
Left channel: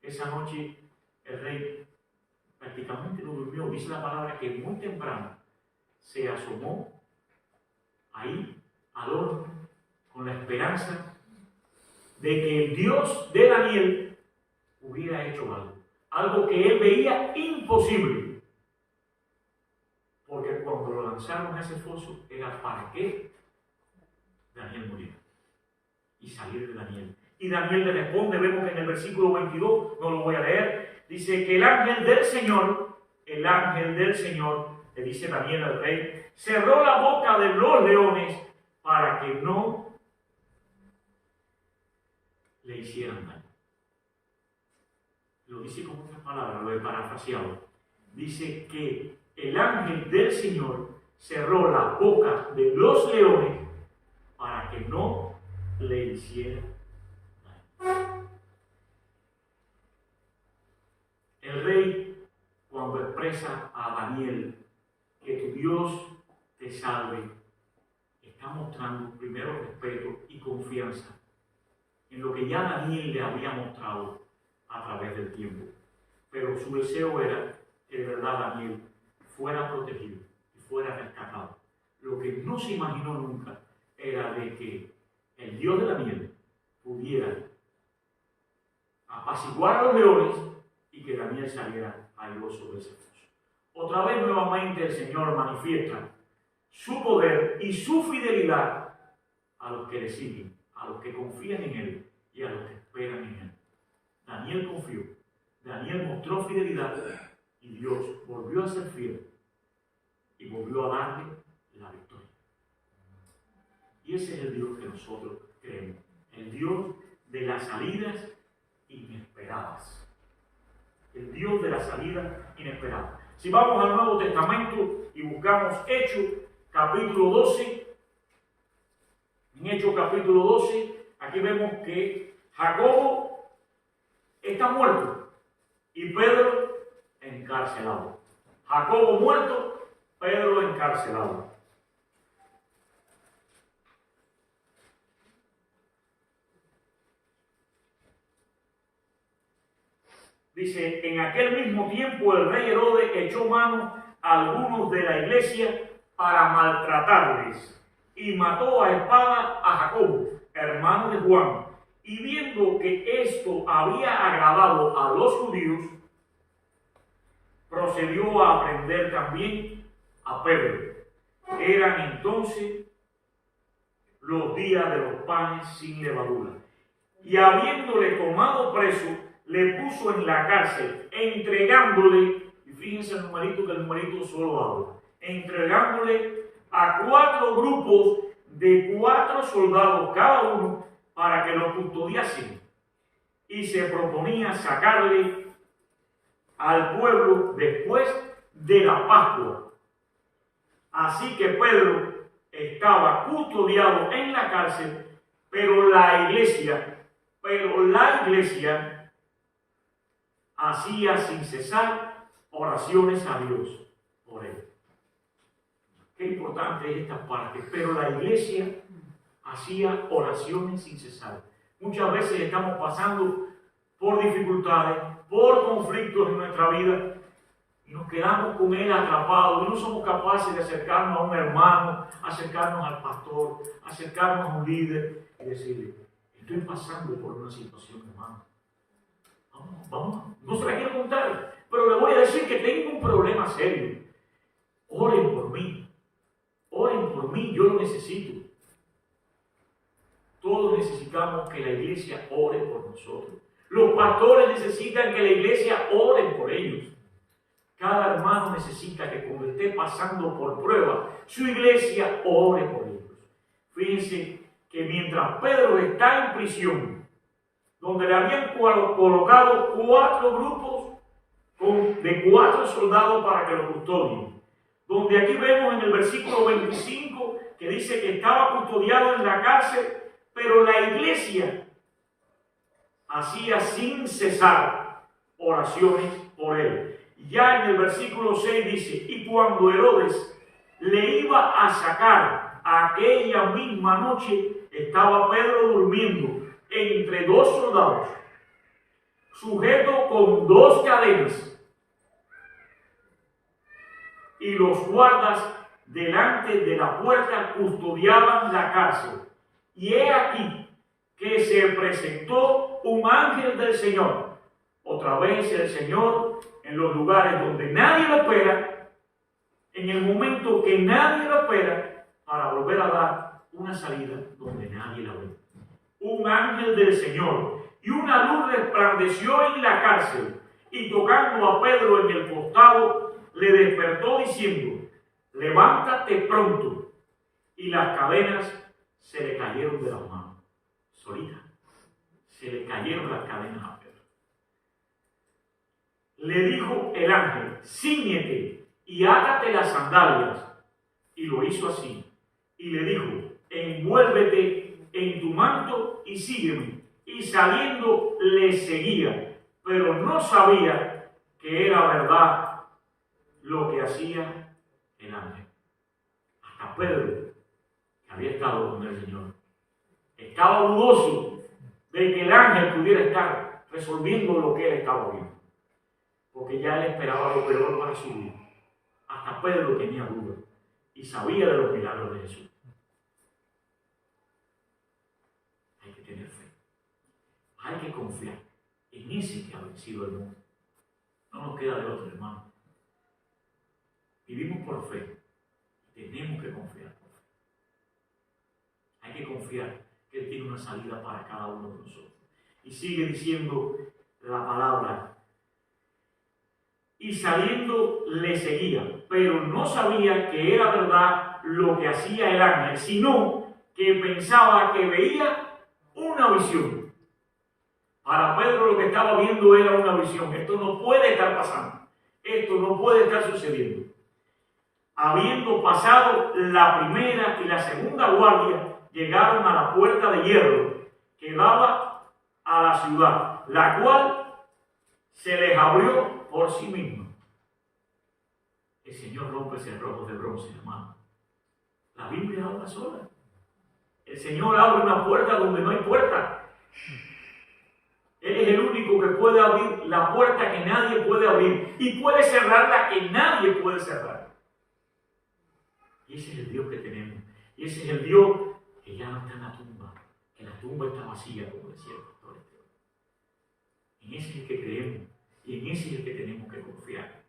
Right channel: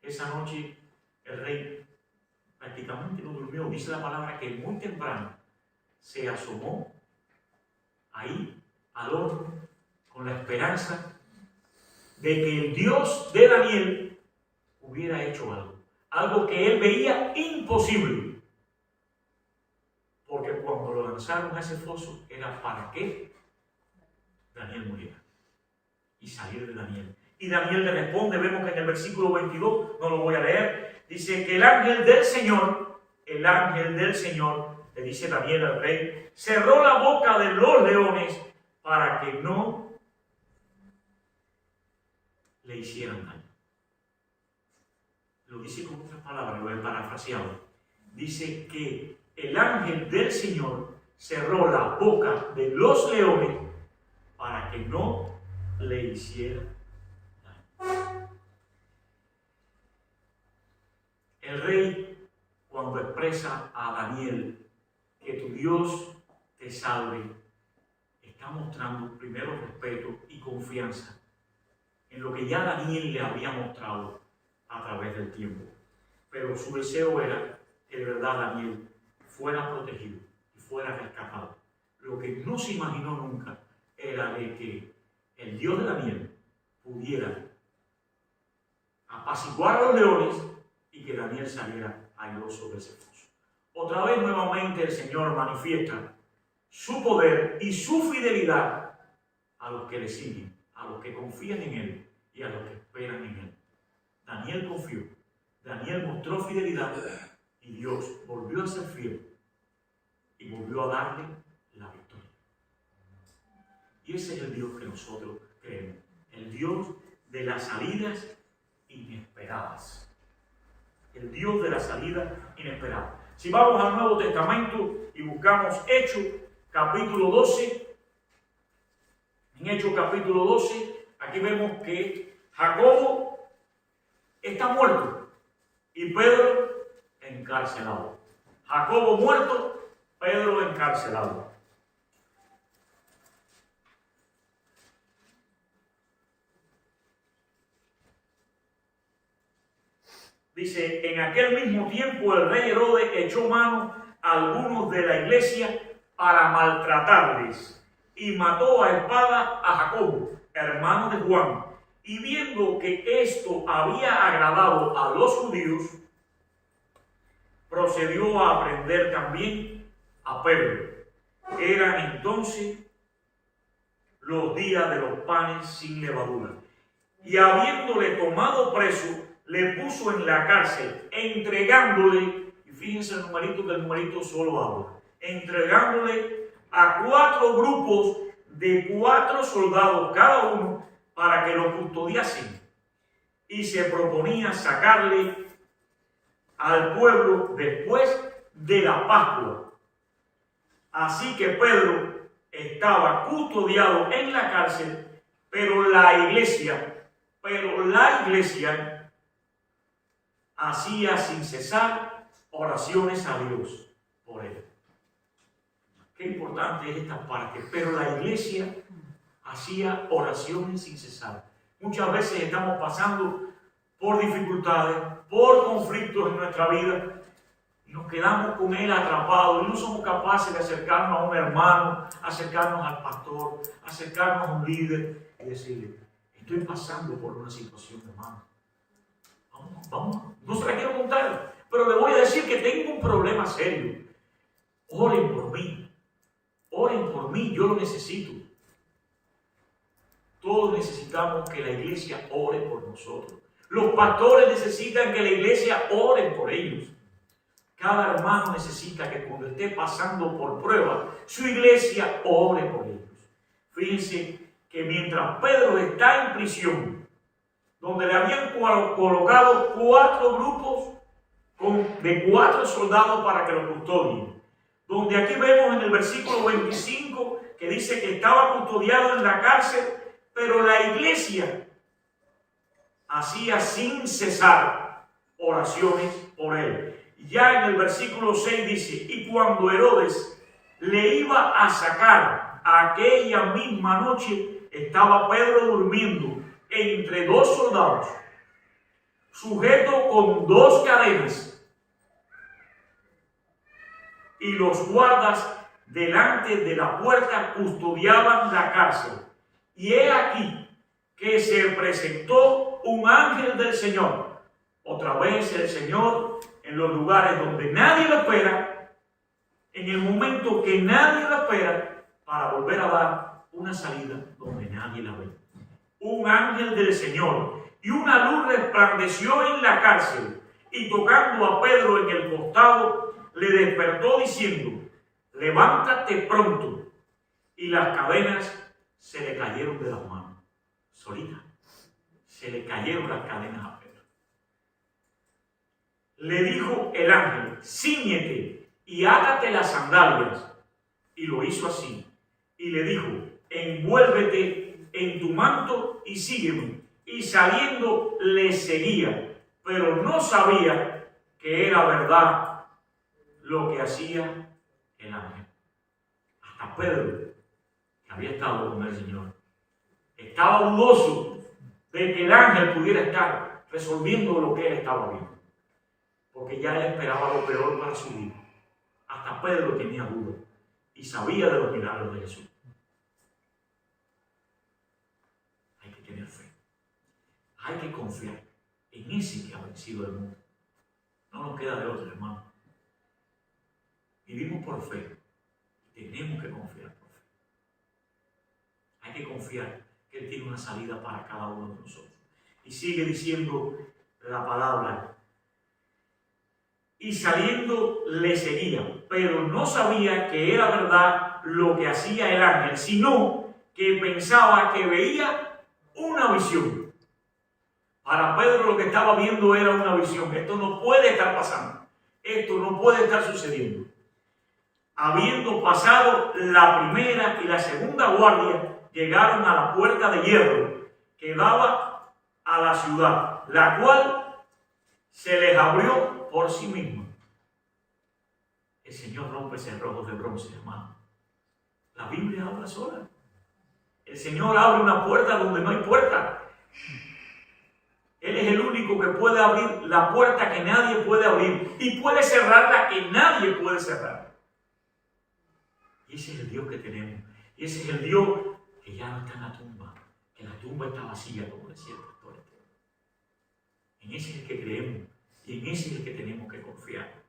Esa noche el rey prácticamente no durmió. Dice la palabra que muy temprano se asomó ahí al horno con la esperanza de que el Dios de Daniel hubiera hecho algo que él veía imposible, porque cuando lo lanzaron a ese foso era para que Daniel muriera y salir de Daniel. Y Daniel le responde, vemos que en el versículo 22, no lo voy a leer, dice que el ángel del Señor le dice Daniel al rey, cerró la boca de los leones para que no le hicieran daño. Lo dice con otras palabras, lo he parafraseado. Dice que el ángel del Señor cerró la boca de los leones para que no le hicieran daño. El rey, cuando expresa a Daniel que tu Dios te salve, está mostrando primero respeto y confianza en lo que ya Daniel le había mostrado a través del tiempo. Pero su deseo era que de verdad Daniel fuera protegido y fuera rescatado. Lo que no se imaginó nunca era de que el Dios de Daniel pudiera apaciguar a los leones y que Daniel saliera airoso de ese foso. Otra vez nuevamente el Señor manifiesta su poder y su fidelidad a los que le siguen, a los que confían en Él y a los que esperan en Él. Daniel confió, Daniel mostró fidelidad y Dios volvió a ser fiel y volvió a darle la victoria. Y ese es el Dios que nosotros creemos, el Dios de las salidas inesperadas. El Dios de la salida inesperada. Si vamos al Nuevo Testamento y buscamos Hechos capítulo 12, en Hechos capítulo 12, aquí vemos que Jacobo está muerto y Pedro encarcelado. Jacobo muerto, Pedro encarcelado. Dice, en aquel mismo tiempo el rey Herodes echó mano a algunos de la iglesia para maltratarles y mató a espada a Jacobo, hermano de Juan. Y viendo que esto había agradado a los judíos, procedió a prender también a Pedro. Eran entonces los días de los panes sin levadura. Y habiéndole tomado preso, le puso en la cárcel, entregándole, y fíjense el numerito, que el numerito solo habla, entregándole a 4 grupos de 4 soldados cada uno para que lo custodiasen. Y se proponía sacarle al pueblo después de la Pascua. Así que Pedro estaba custodiado en la cárcel, pero la iglesia hacía sin cesar oraciones a Dios por él. Qué importante es esta parte. Pero la iglesia hacía oraciones sin cesar. Muchas veces estamos pasando por dificultades, por conflictos en nuestra vida, y nos quedamos con él atrapados y no somos capaces de acercarnos a un hermano, acercarnos al pastor, acercarnos a un líder y decirle: estoy pasando por una situación, hermano. Vamos. No se la quiero contar, pero le voy a decir que tengo un problema serio. Oren por mí, yo lo necesito. Todos necesitamos que la iglesia ore por nosotros. Los pastores necesitan que la iglesia ore por ellos. Cada hermano necesita que cuando esté pasando por prueba, su iglesia ore por ellos. Fíjense que mientras Pedro está en prisión, donde le habían colocado 4 grupos de 4 soldados para que lo custodien, donde aquí vemos en el versículo 25 que dice que estaba custodiado en la cárcel, pero la iglesia hacía sin cesar oraciones por él. Ya en el versículo 6 dice: y cuando Herodes le iba a sacar aquella misma noche, estaba Pedro durmiendo entre 2 soldados, sujeto con 2 cadenas, y los guardas delante de la puerta custodiaban la cárcel. Y he aquí que se presentó un ángel del Señor. Otra vez el Señor, en los lugares donde nadie lo espera, en el momento que nadie lo espera, para volver a dar una salida donde nadie la ve. Un ángel del Señor, y una luz resplandeció en la cárcel, y tocando a Pedro en el costado, le despertó diciendo: levántate pronto. Y las cadenas se le cayeron de las manos. Solita. Se le cayeron las cadenas a Pedro. Le dijo el ángel: cíñete y átate las sandalias. Y lo hizo así. Y le dijo: envuélvete en tu manto y sígueme. Y saliendo le seguía, pero no sabía que era verdad lo que hacía el ángel. Hasta Pedro, que había estado con el Señor, estaba dudoso de que el ángel pudiera estar resolviendo lo que él estaba viendo, porque ya él esperaba lo peor para su vida. Hasta Pedro tenía duda y sabía de los milagros de Jesús. Hay que tener fe, hay que confiar en ese que ha vencido el mundo. No nos queda de otro, hermano. Vivimos por fe. Tenemos que confiar por fe. Hay que confiar que Él tiene una salida para cada uno de nosotros. Y sigue diciendo la palabra: y saliendo le seguía, pero no sabía que era verdad lo que hacía el ángel, sino que pensaba que veía una visión. Para Pedro lo que estaba viendo era una visión. Esto no puede estar pasando. Esto no puede estar sucediendo. Habiendo pasado la primera y la segunda guardia, llegaron a la puerta de hierro que daba a la ciudad, la cual se les abrió por sí misma. El Señor rompe cerrojos de bronce, hermano. La Biblia habla sola. El Señor abre una puerta donde no hay puerta. Él es el único único que puede abrir la puerta que nadie puede abrir y puede cerrar la que nadie puede cerrar. Y ese es el Dios que tenemos. Y ese es el Dios que ya no está en la tumba, que la tumba está vacía, como decía el pastor Esteban. En ese es el que creemos y en ese es el que tenemos que confiar.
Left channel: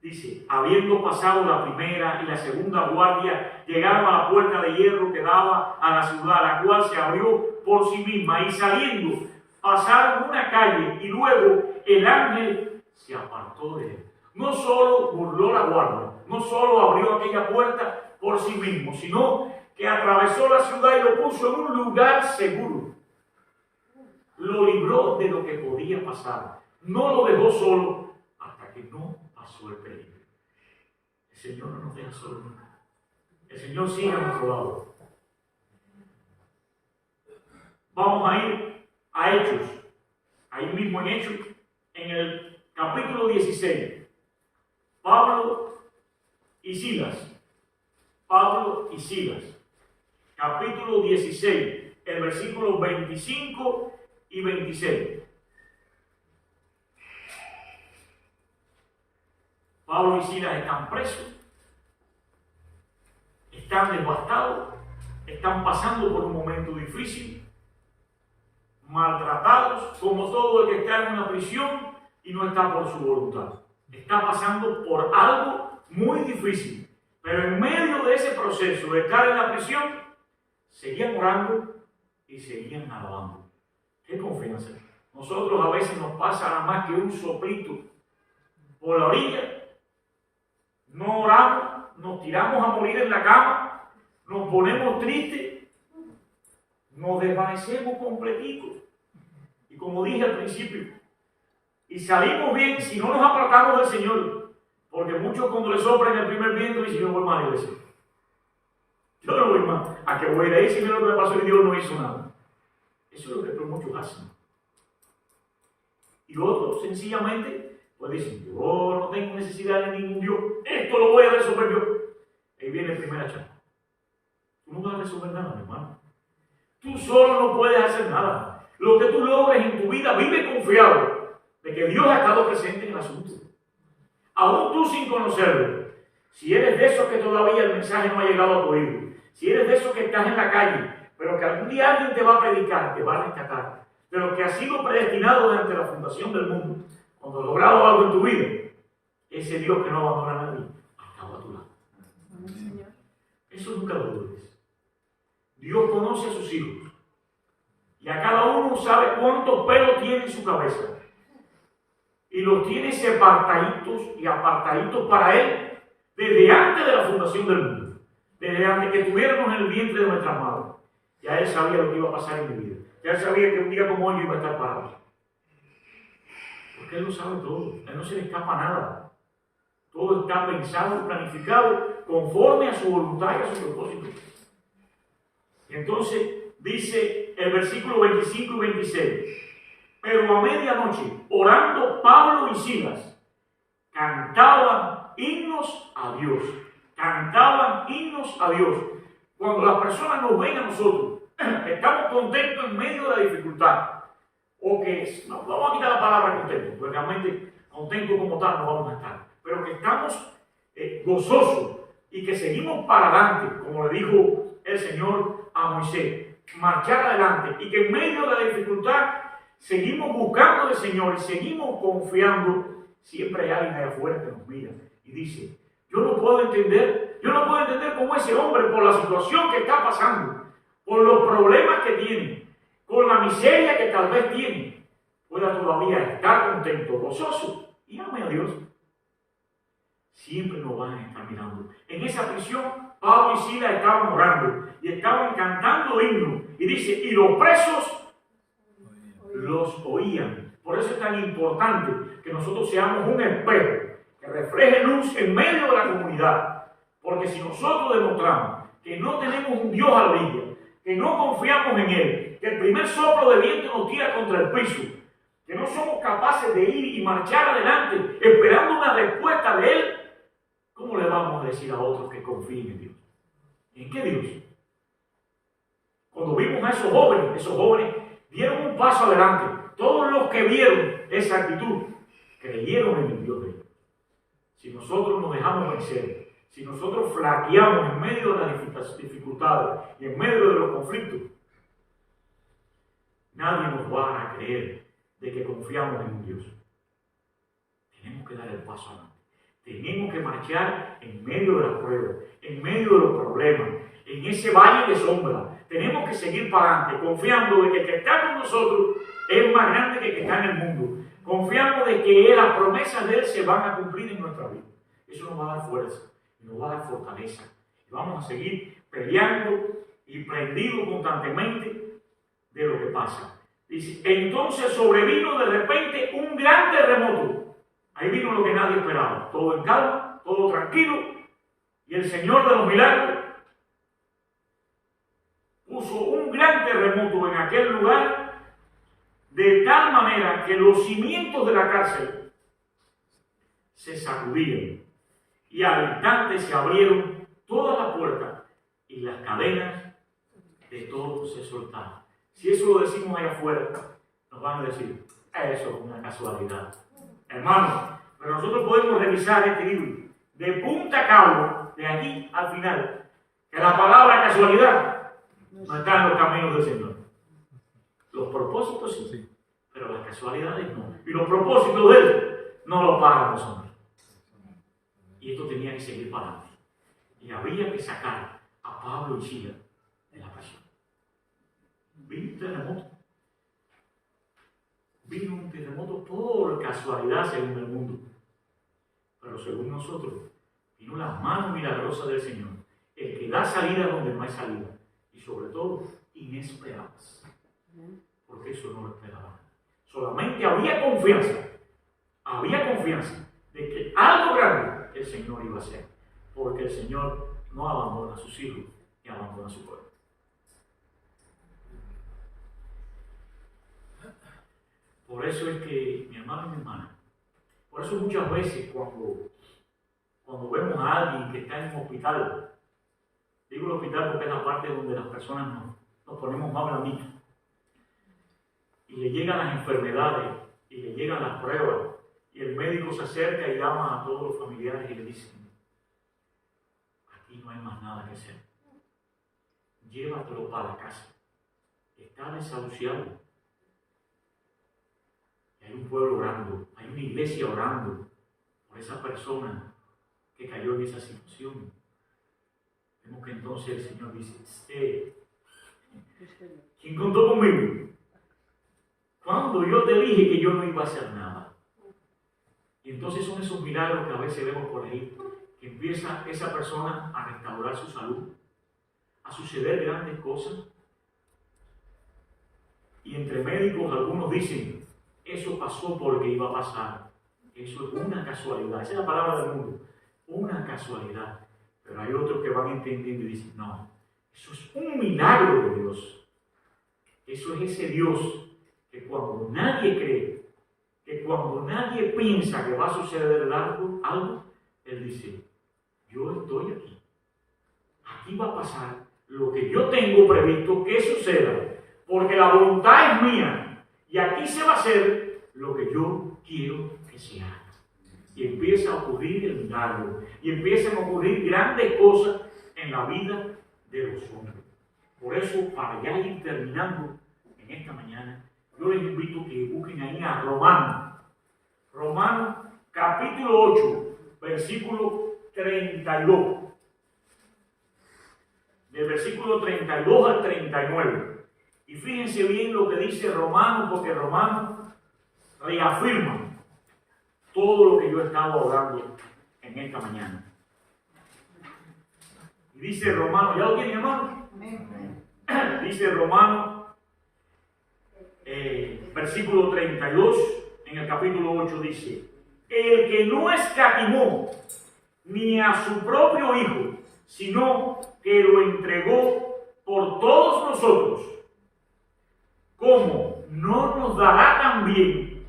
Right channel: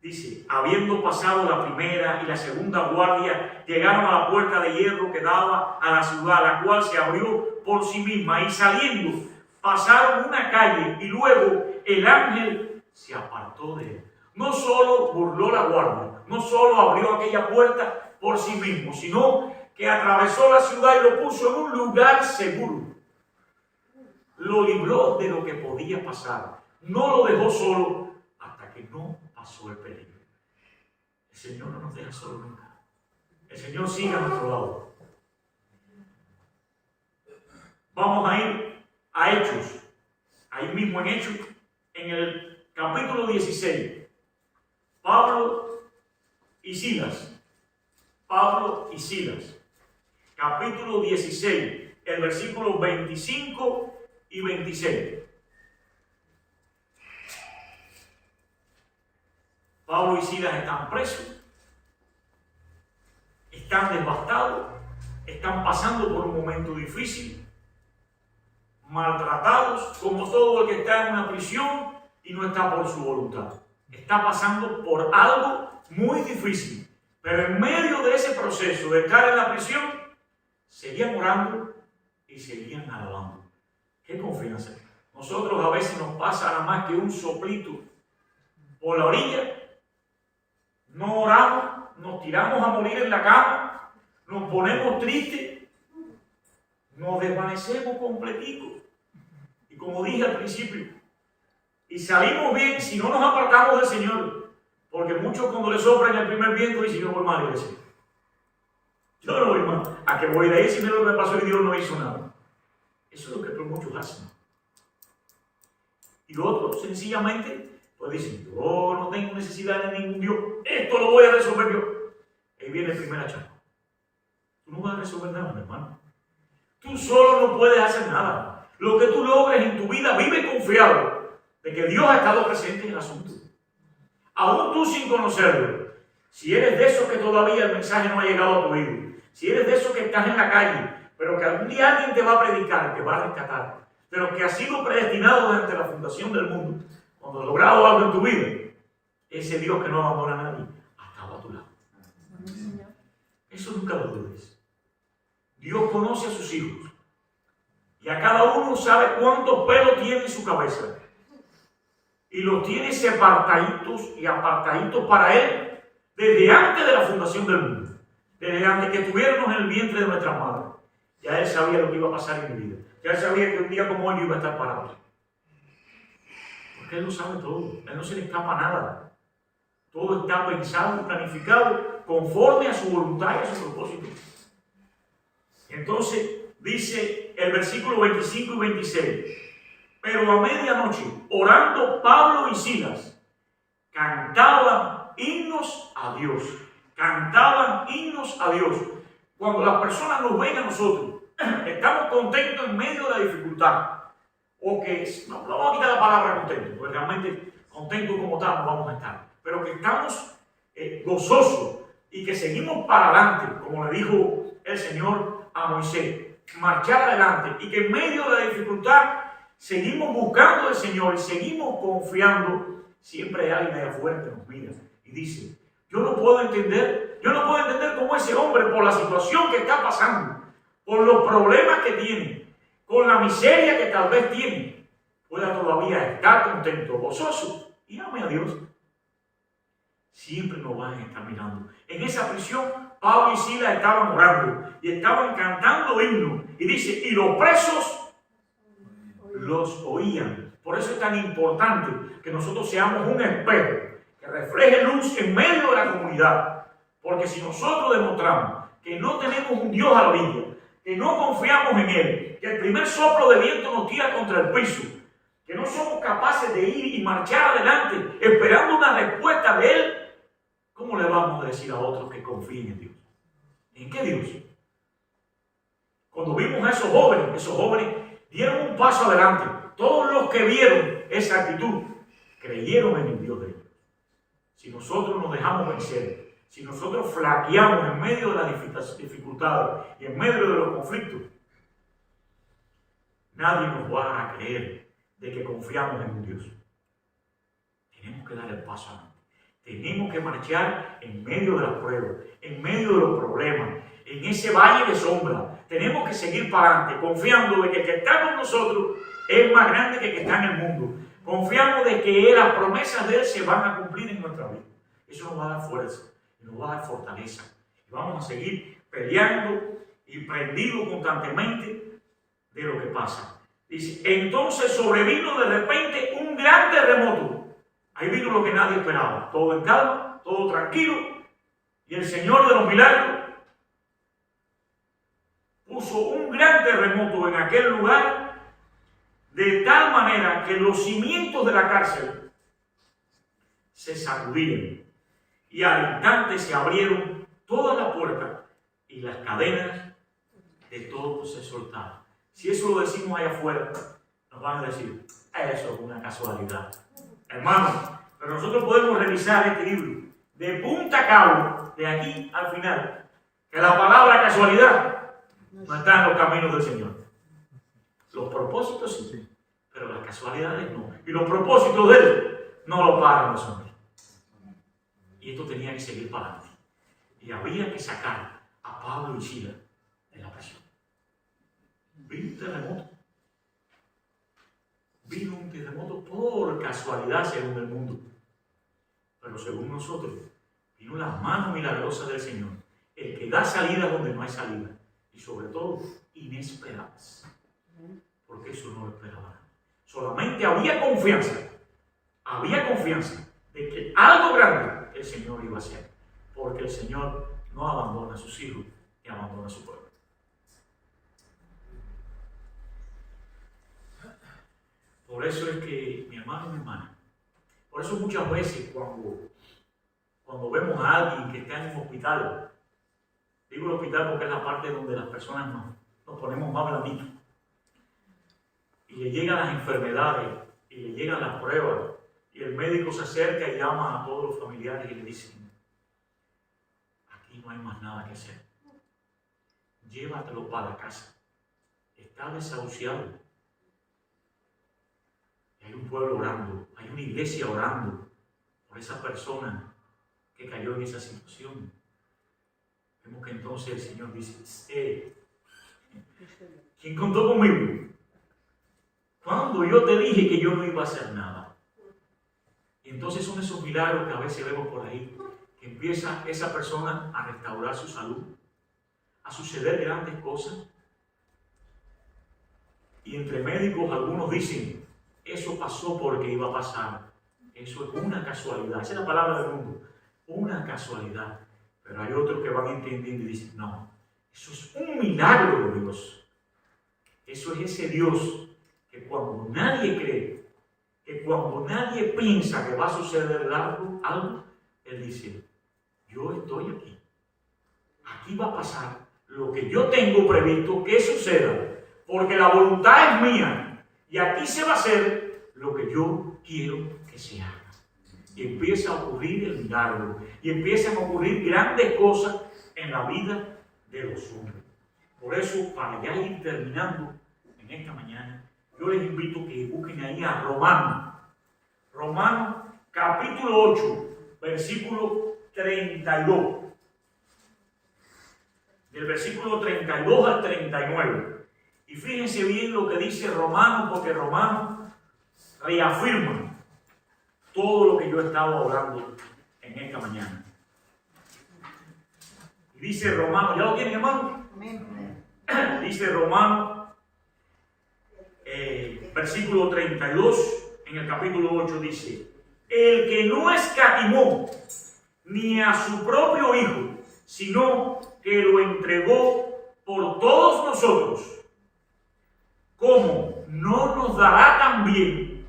Dice, habiendo pasado la primera y la segunda guardia, llegaron a la puerta de hierro que daba a la ciudad, la cual se abrió por sí misma, y saliendo, pasaron una calle, y luego el ángel se apartó de él. No solo burló la guardia, no solo abrió aquella puerta por sí mismo, sino que atravesó la ciudad y lo puso en un lugar seguro. Lo libró de lo que podía pasar. No lo dejó solo hasta que no pasó el peligro. El Señor no nos deja solo nunca. El Señor sigue a nuestro lado. Vamos a ir a Hechos. Ahí mismo en Hechos, en el capítulo 16. Pablo y Silas. Pablo y Silas. Capítulo 16, el versículo 25 y 26. Pablo y Silas están presos, están devastados, están pasando por un momento difícil, maltratados, como todo el que está en una prisión y no está por su voluntad. Está pasando por algo muy difícil, pero en medio de ese proceso de estar en la prisión, seguían orando y seguían alabando. ¡Qué confianza! Nosotros a veces nos pasa nada más que un soplito por la orilla. No oramos, nos tiramos a morir en la cama, nos ponemos tristes, nos desvanecemos completico. Y como dije al principio, y salimos bien si no nos apartamos del Señor. Porque muchos cuando le soplan el primer viento dicen, yo no voy más a la iglesia. Yo no voy más. A que voy a ir ahí si mira lo que me pasó y Dios no hizo nada. Eso es lo que muchos hacen. Y otros sencillamente pues dicen, yo no tengo necesidad de ningún Dios, esto lo voy a resolver yo. Ahí viene el primer chapa. Tú no vas a resolver nada, mi hermano. Tú solo no puedes hacer nada. Lo que tú logres en tu vida, vive confiado de que Dios ha estado presente en el asunto. Aún tú sin conocerlo. Si eres de esos que todavía el mensaje no ha llegado a tu oído, si eres de esos que estás en la calle, pero que algún día alguien te va a predicar, te va a rescatar, de lo que ha sido predestinado desde la fundación del mundo, cuando has logrado algo en tu vida, ese Dios que no abandona a nadie, ha estado a tu lado. Eso nunca lo dudes. Dios conoce a sus hijos y a cada uno sabe cuántos pelos tiene en su cabeza y los tiene separaditos y apartaditos para Él desde antes de la fundación del mundo, desde antes que estuviéramos en el vientre de nuestra madre. Ya Él sabía lo que iba a pasar en mi vida. Ya Él sabía que un día como hoy yo iba a estar parado. Porque Él lo sabe todo. A Él no se le escapa nada. Todo está pensado y planificado conforme a su voluntad y a su propósito. Entonces dice el versículo 25 y 26. Pero a medianoche, orando Pablo y Silas, cantaban himnos a Dios. Cantaban himnos a Dios. Cuando las personas nos ven a nosotros, estamos contentos en medio de la dificultad. O que, no vamos a quitar la palabra contento, porque realmente contentos como tal no vamos a estar. Pero que estamos gozosos y que seguimos para adelante, como le dijo el Señor a Moisés, marchar adelante y que en medio de la dificultad seguimos buscando al Señor y seguimos confiando. Siempre hay alguien allá afuera que nos mira y dice, yo no puedo entender cómo ese hombre, por la situación que está pasando, por los problemas que tiene, con la miseria que tal vez tiene, pueda todavía estar contento, gozoso y ame a Dios. Siempre nos van a estar mirando. En esa prisión, Pablo y Silas estaban orando y estaban cantando himnos. Y dice, y los presos los oían. Por eso es tan importante que nosotros seamos un espejo que refleje luz en medio de la comunidad. Porque si nosotros demostramos que no tenemos un Dios a la orilla, que no confiamos en Él, que el primer soplo de viento nos tira contra el piso, que no somos capaces de ir y marchar adelante esperando una respuesta de Él, ¿cómo le vamos a decir a otros que confíen en Dios? ¿En qué Dios? Cuando vimos a esos jóvenes dieron un paso adelante. Todos los que vieron esa actitud creyeron en el Dios de ellos. Si nosotros nos dejamos vencer, si nosotros flaqueamos en medio de las dificultades y en medio de los conflictos, nadie nos va a creer de que confiamos en un Dios. Tenemos que dar el paso adelante. Tenemos que marchar en medio de las pruebas, en medio de los problemas, en ese valle de sombra. Tenemos que seguir para adelante, confiando de que el que está con nosotros es más grande que el que está en el mundo. Confiamos de que las promesas de Él se van a cumplir en nuestra vida. Eso nos va a dar fuerza, nos va a dar fortaleza. Y vamos a seguir peleando y prendidos constantemente de lo que pasa. Dice, entonces sobrevino de repente un gran terremoto. Ahí vino lo que nadie esperaba. Todo en calma, todo tranquilo. Y el Señor de los milagros puso un gran terremoto en aquel lugar, de tal manera que los cimientos de la cárcel se sacudieron y al instante se abrieron todas las puertas y las cadenas de todos se soltaron. Si eso lo decimos allá afuera, nos van a decir, eso es una casualidad. Hermanos, pero nosotros podemos revisar este libro de punta a cabo, de aquí al final, que la palabra casualidad no está en los caminos del Señor. Los propósitos sí, pero las casualidades no. Y los propósitos de Él no los pagan los hombres. Y esto tenía que seguir para adelante. Y había que sacar a Pablo y Silas de la prisión. Vino un terremoto. Vino un terremoto por casualidad según el mundo. Pero según nosotros, vino la mano milagrosa del Señor. El que da salida donde no hay salida. Y sobre todo, inesperadas. Porque eso no lo esperaban. Solamente había confianza de que algo grande el Señor iba a hacer. Porque el Señor no abandona a sus hijos ni abandona a su pueblo. Por eso es que, mi hermano y mi hermana, por eso muchas veces cuando vemos a alguien que está en un hospital, digo el hospital porque es la parte donde las personas nos ponemos más blanditos, y le llegan las enfermedades, y le llegan las pruebas, y el médico se acerca y llama a todos los familiares y le dicen, aquí no hay más nada que hacer, llévatelo para casa, está desahuciado. Y hay un pueblo orando, hay una iglesia orando por esa persona que cayó en esa situación. Vemos que entonces el Señor dice, ¿quién contó conmigo? Cuando yo te dije que yo no iba a hacer nada. Y entonces son esos milagros que a veces vemos por ahí, que empieza esa persona a restaurar su salud, a suceder grandes cosas. Y entre médicos algunos dicen, eso pasó porque iba a pasar. Eso es una casualidad. Esa es la palabra del mundo. Una casualidad. Pero hay otros que van entendiendo y dicen, no, eso es un milagro de Dios. Eso es ese Dios que cuando nadie cree, que cuando nadie piensa que va a suceder algo, Él dice, yo estoy aquí. Aquí va a pasar lo que yo tengo previsto que suceda, porque la voluntad es mía. Y aquí se va a hacer lo que yo quiero que se haga. Y empieza a ocurrir el milagro. Y empiezan a ocurrir grandes cosas en la vida de los hombres. Por eso, para ya ir terminando en esta mañana, yo les invito a que busquen ahí a Romanos. Romanos capítulo 8, versículo 32. Del versículo 32 al 39. Y fíjense bien lo que dice Romanos, porque Romanos reafirma todo lo que yo he estado hablando en esta mañana. Y dice Romanos, ¿ya lo tienen, hermano? Dice Romanos, versículo 32, en el capítulo 8 dice, el que no escatimó ni a su propio Hijo, sino que lo entregó por todos nosotros, ¿cómo no nos dará también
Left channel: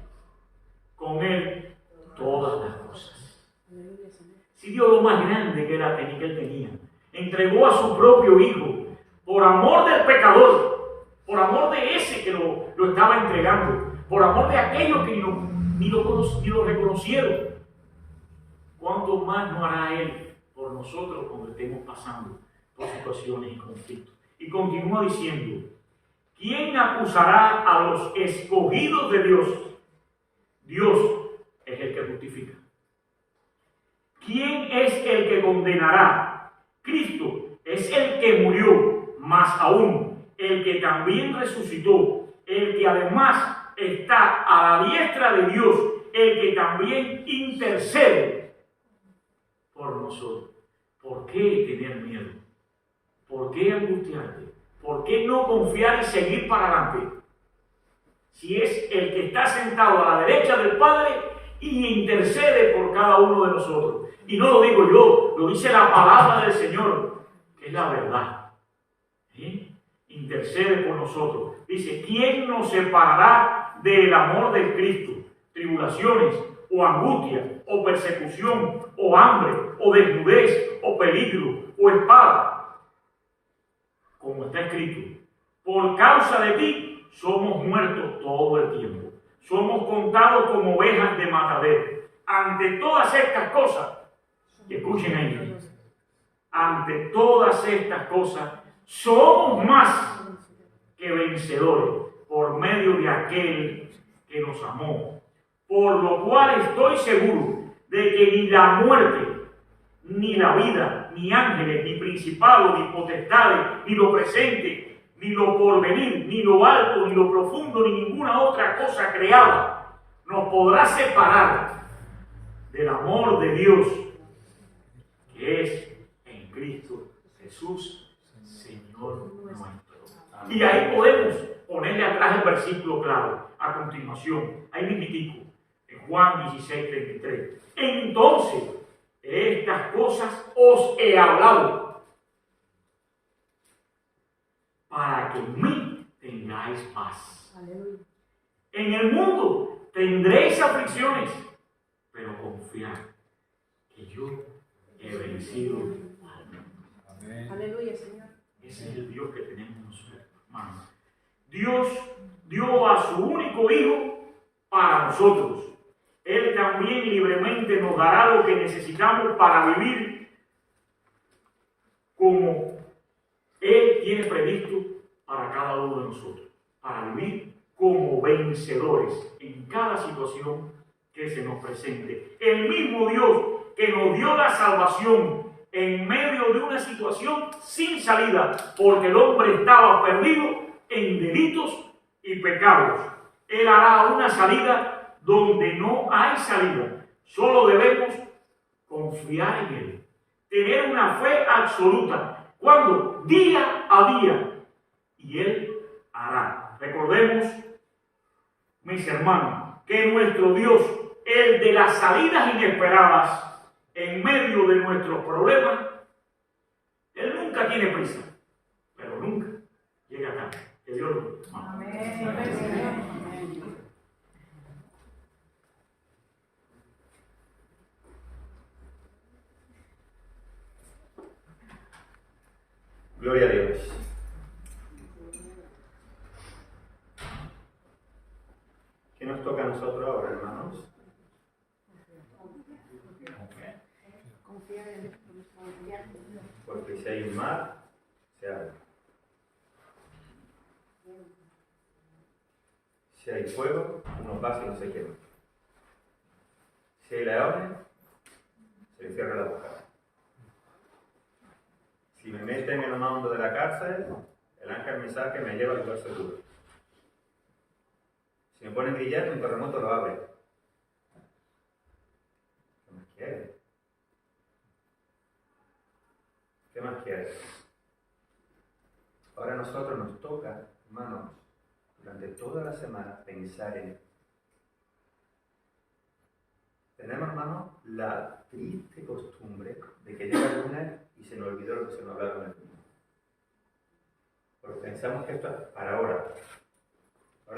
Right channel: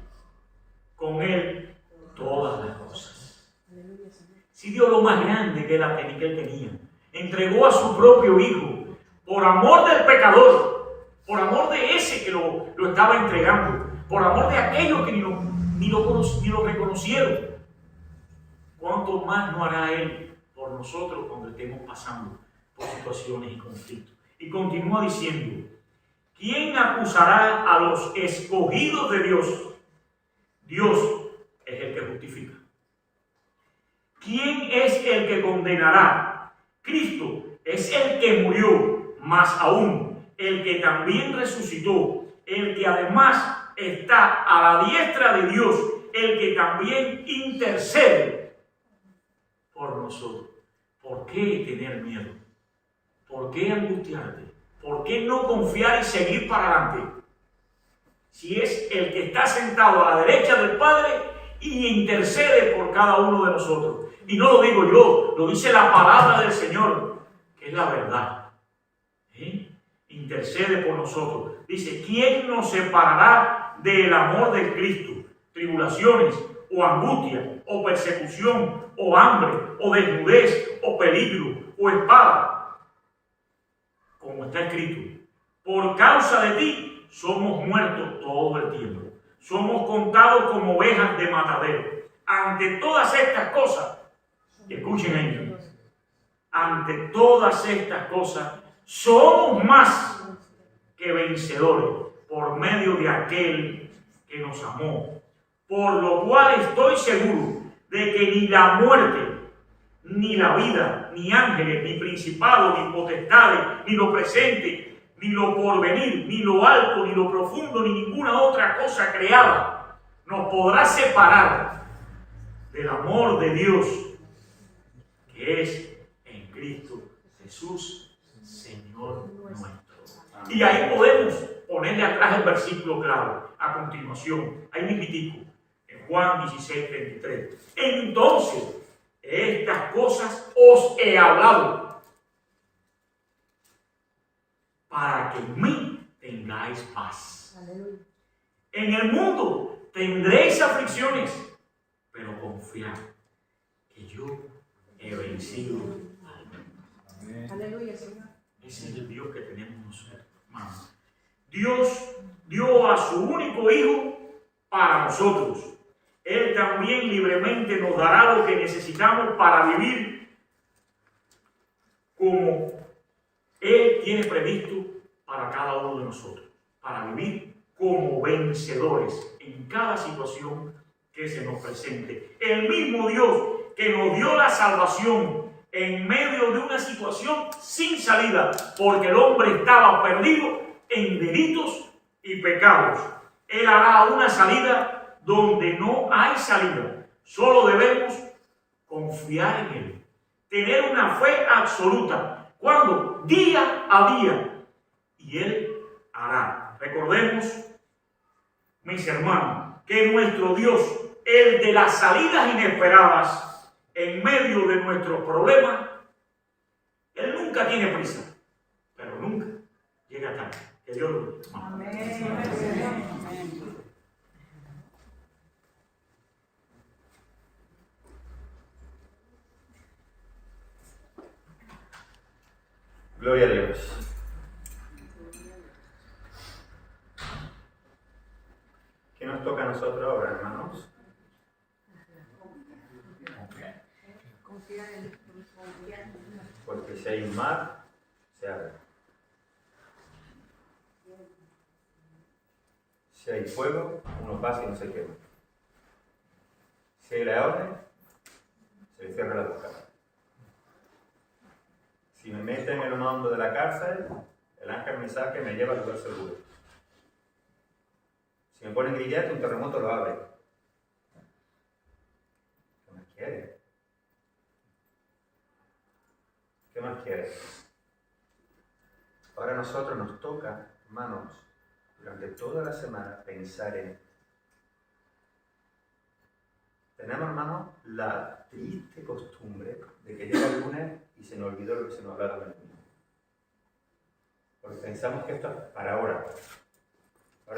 con Él todas las cosas? Si Dios, lo más grande que Él tenía, entregó a su propio Hijo por amor del pecador, por amor de ese que lo estaba entregando, por amor de aquellos que ni lo reconocieron. ¿Cuánto más no hará Él por nosotros cuando estemos pasando por situaciones y conflictos? Y continúa diciendo, ¿quién acusará a los escogidos de Dios? Dios es el que justifica. ¿Quién es el que condenará? Cristo es el que murió, más aún, el que también resucitó, el que además está a la diestra de Dios, el que también intercede por nosotros. ¿Por qué tener miedo? ¿Por qué angustiarte? ¿Por qué no confiar y seguir para adelante? Si es el que está sentado a la derecha del Padre y intercede por cada uno de nosotros. Y no lo digo yo, lo dice la palabra del Señor, que es la verdad. Intercede por nosotros. Dice, ¿quién nos separará del amor de Cristo? Tribulaciones, o angustia, o persecución, o hambre, o desnudez, o peligro, o espada. Como está escrito, por causa de ti somos muertos todo el tiempo. Somos contados como ovejas de matadero. Ante todas estas cosas, y escuchen ahí, ante todas estas cosas, somos más que vencedores por medio de aquel que nos amó. Por lo cual estoy seguro de que ni la muerte, ni la vida, ni ángeles, ni principados, ni potestades, ni lo presente, ni lo porvenir, ni lo alto, ni lo profundo, ni ninguna otra cosa creada nos podrá separar del amor de Dios que es en Cristo Jesús, Señor nuestro. Y ahí podemos ponerle atrás el versículo claro, a continuación, ahí mismitico, en Juan 16:33. Entonces, estas cosas os he hablado, para que en mí tengáis paz. Aleluya. En el mundo tendréis aflicciones, pero confiad que yo he vencido al mundo. Aleluya, Señor. Ese es el Dios que tenemos nosotros, hermanos. Dios dio a su único Hijo para nosotros. Él también libremente nos dará lo que necesitamos para vivir como Él tiene previsto para cada uno de nosotros. Para vivir como vencedores en cada situación que se nos presente. El mismo Dios que nos dio la salvación en medio de una situación sin salida, porque el hombre estaba perdido en delitos y pecados. Él hará una salida donde no hay salida. Solo debemos confiar en Él. Tener una fe absoluta. ¿Cuándo? Día a día. Y Él hará. Recordemos, mis hermanos, que nuestro Dios, el de las salidas inesperadas en medio de nuestros problemas, Él nunca tiene prisa, pero nunca llega tarde. Que Dios lo bendiga. Amén. Gloria a Dios. ¿Qué nos toca a nosotros ahora, hermanos? Porque si hay un mar, se abre. Si hay fuego, uno pasa y no se quema. Si hay leones, se le cierra la boca. Si me meten en lo más hondo de la cárcel, el ángel me saca y me lleva al lugar seguro. Si me ponen grillete, un terremoto lo abre. ¿Qué más quieres? ¿Qué más quieres? Ahora a nosotros nos toca, hermanos, durante toda la semana pensar en esto. Tenemos, hermanos, la triste costumbre de que llega el lunes y se nos olvidó lo que se nos hablaron el lunes. Porque pensamos que esto es para ahora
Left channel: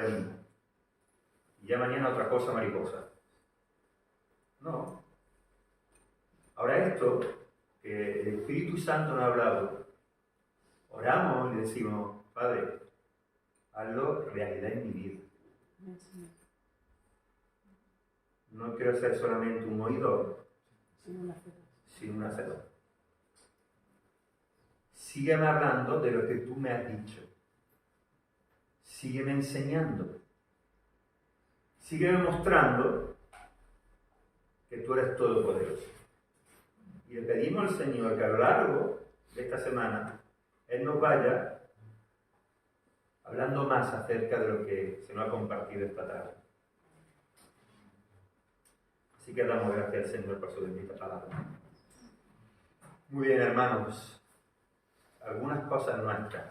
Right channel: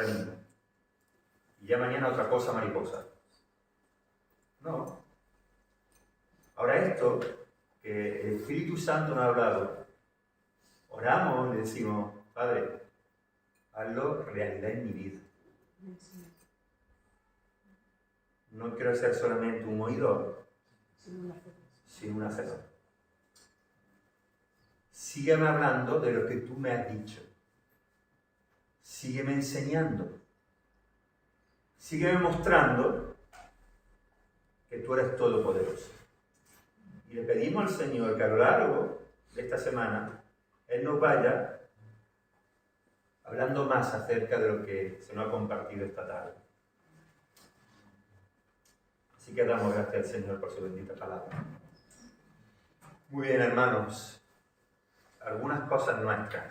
mismo. Y ya mañana otra cosa mariposa. No. Ahora esto, que el Espíritu Santo nos ha hablado, oramos y le decimos, Padre, hazlo realidad en mi vida. No quiero ser solamente un oidor, sino un hacedor. Sígueme hablando de lo que tú me has dicho. Sígueme enseñando. Sígueme mostrando que tú eres todopoderoso. Y le pedimos al Señor que a lo largo de esta semana Él nos vaya hablando más acerca de lo que se nos ha compartido esta tarde. Así que damos gracias al Señor por su bendita palabra. Muy bien, hermanos. Algunas cosas nuestras.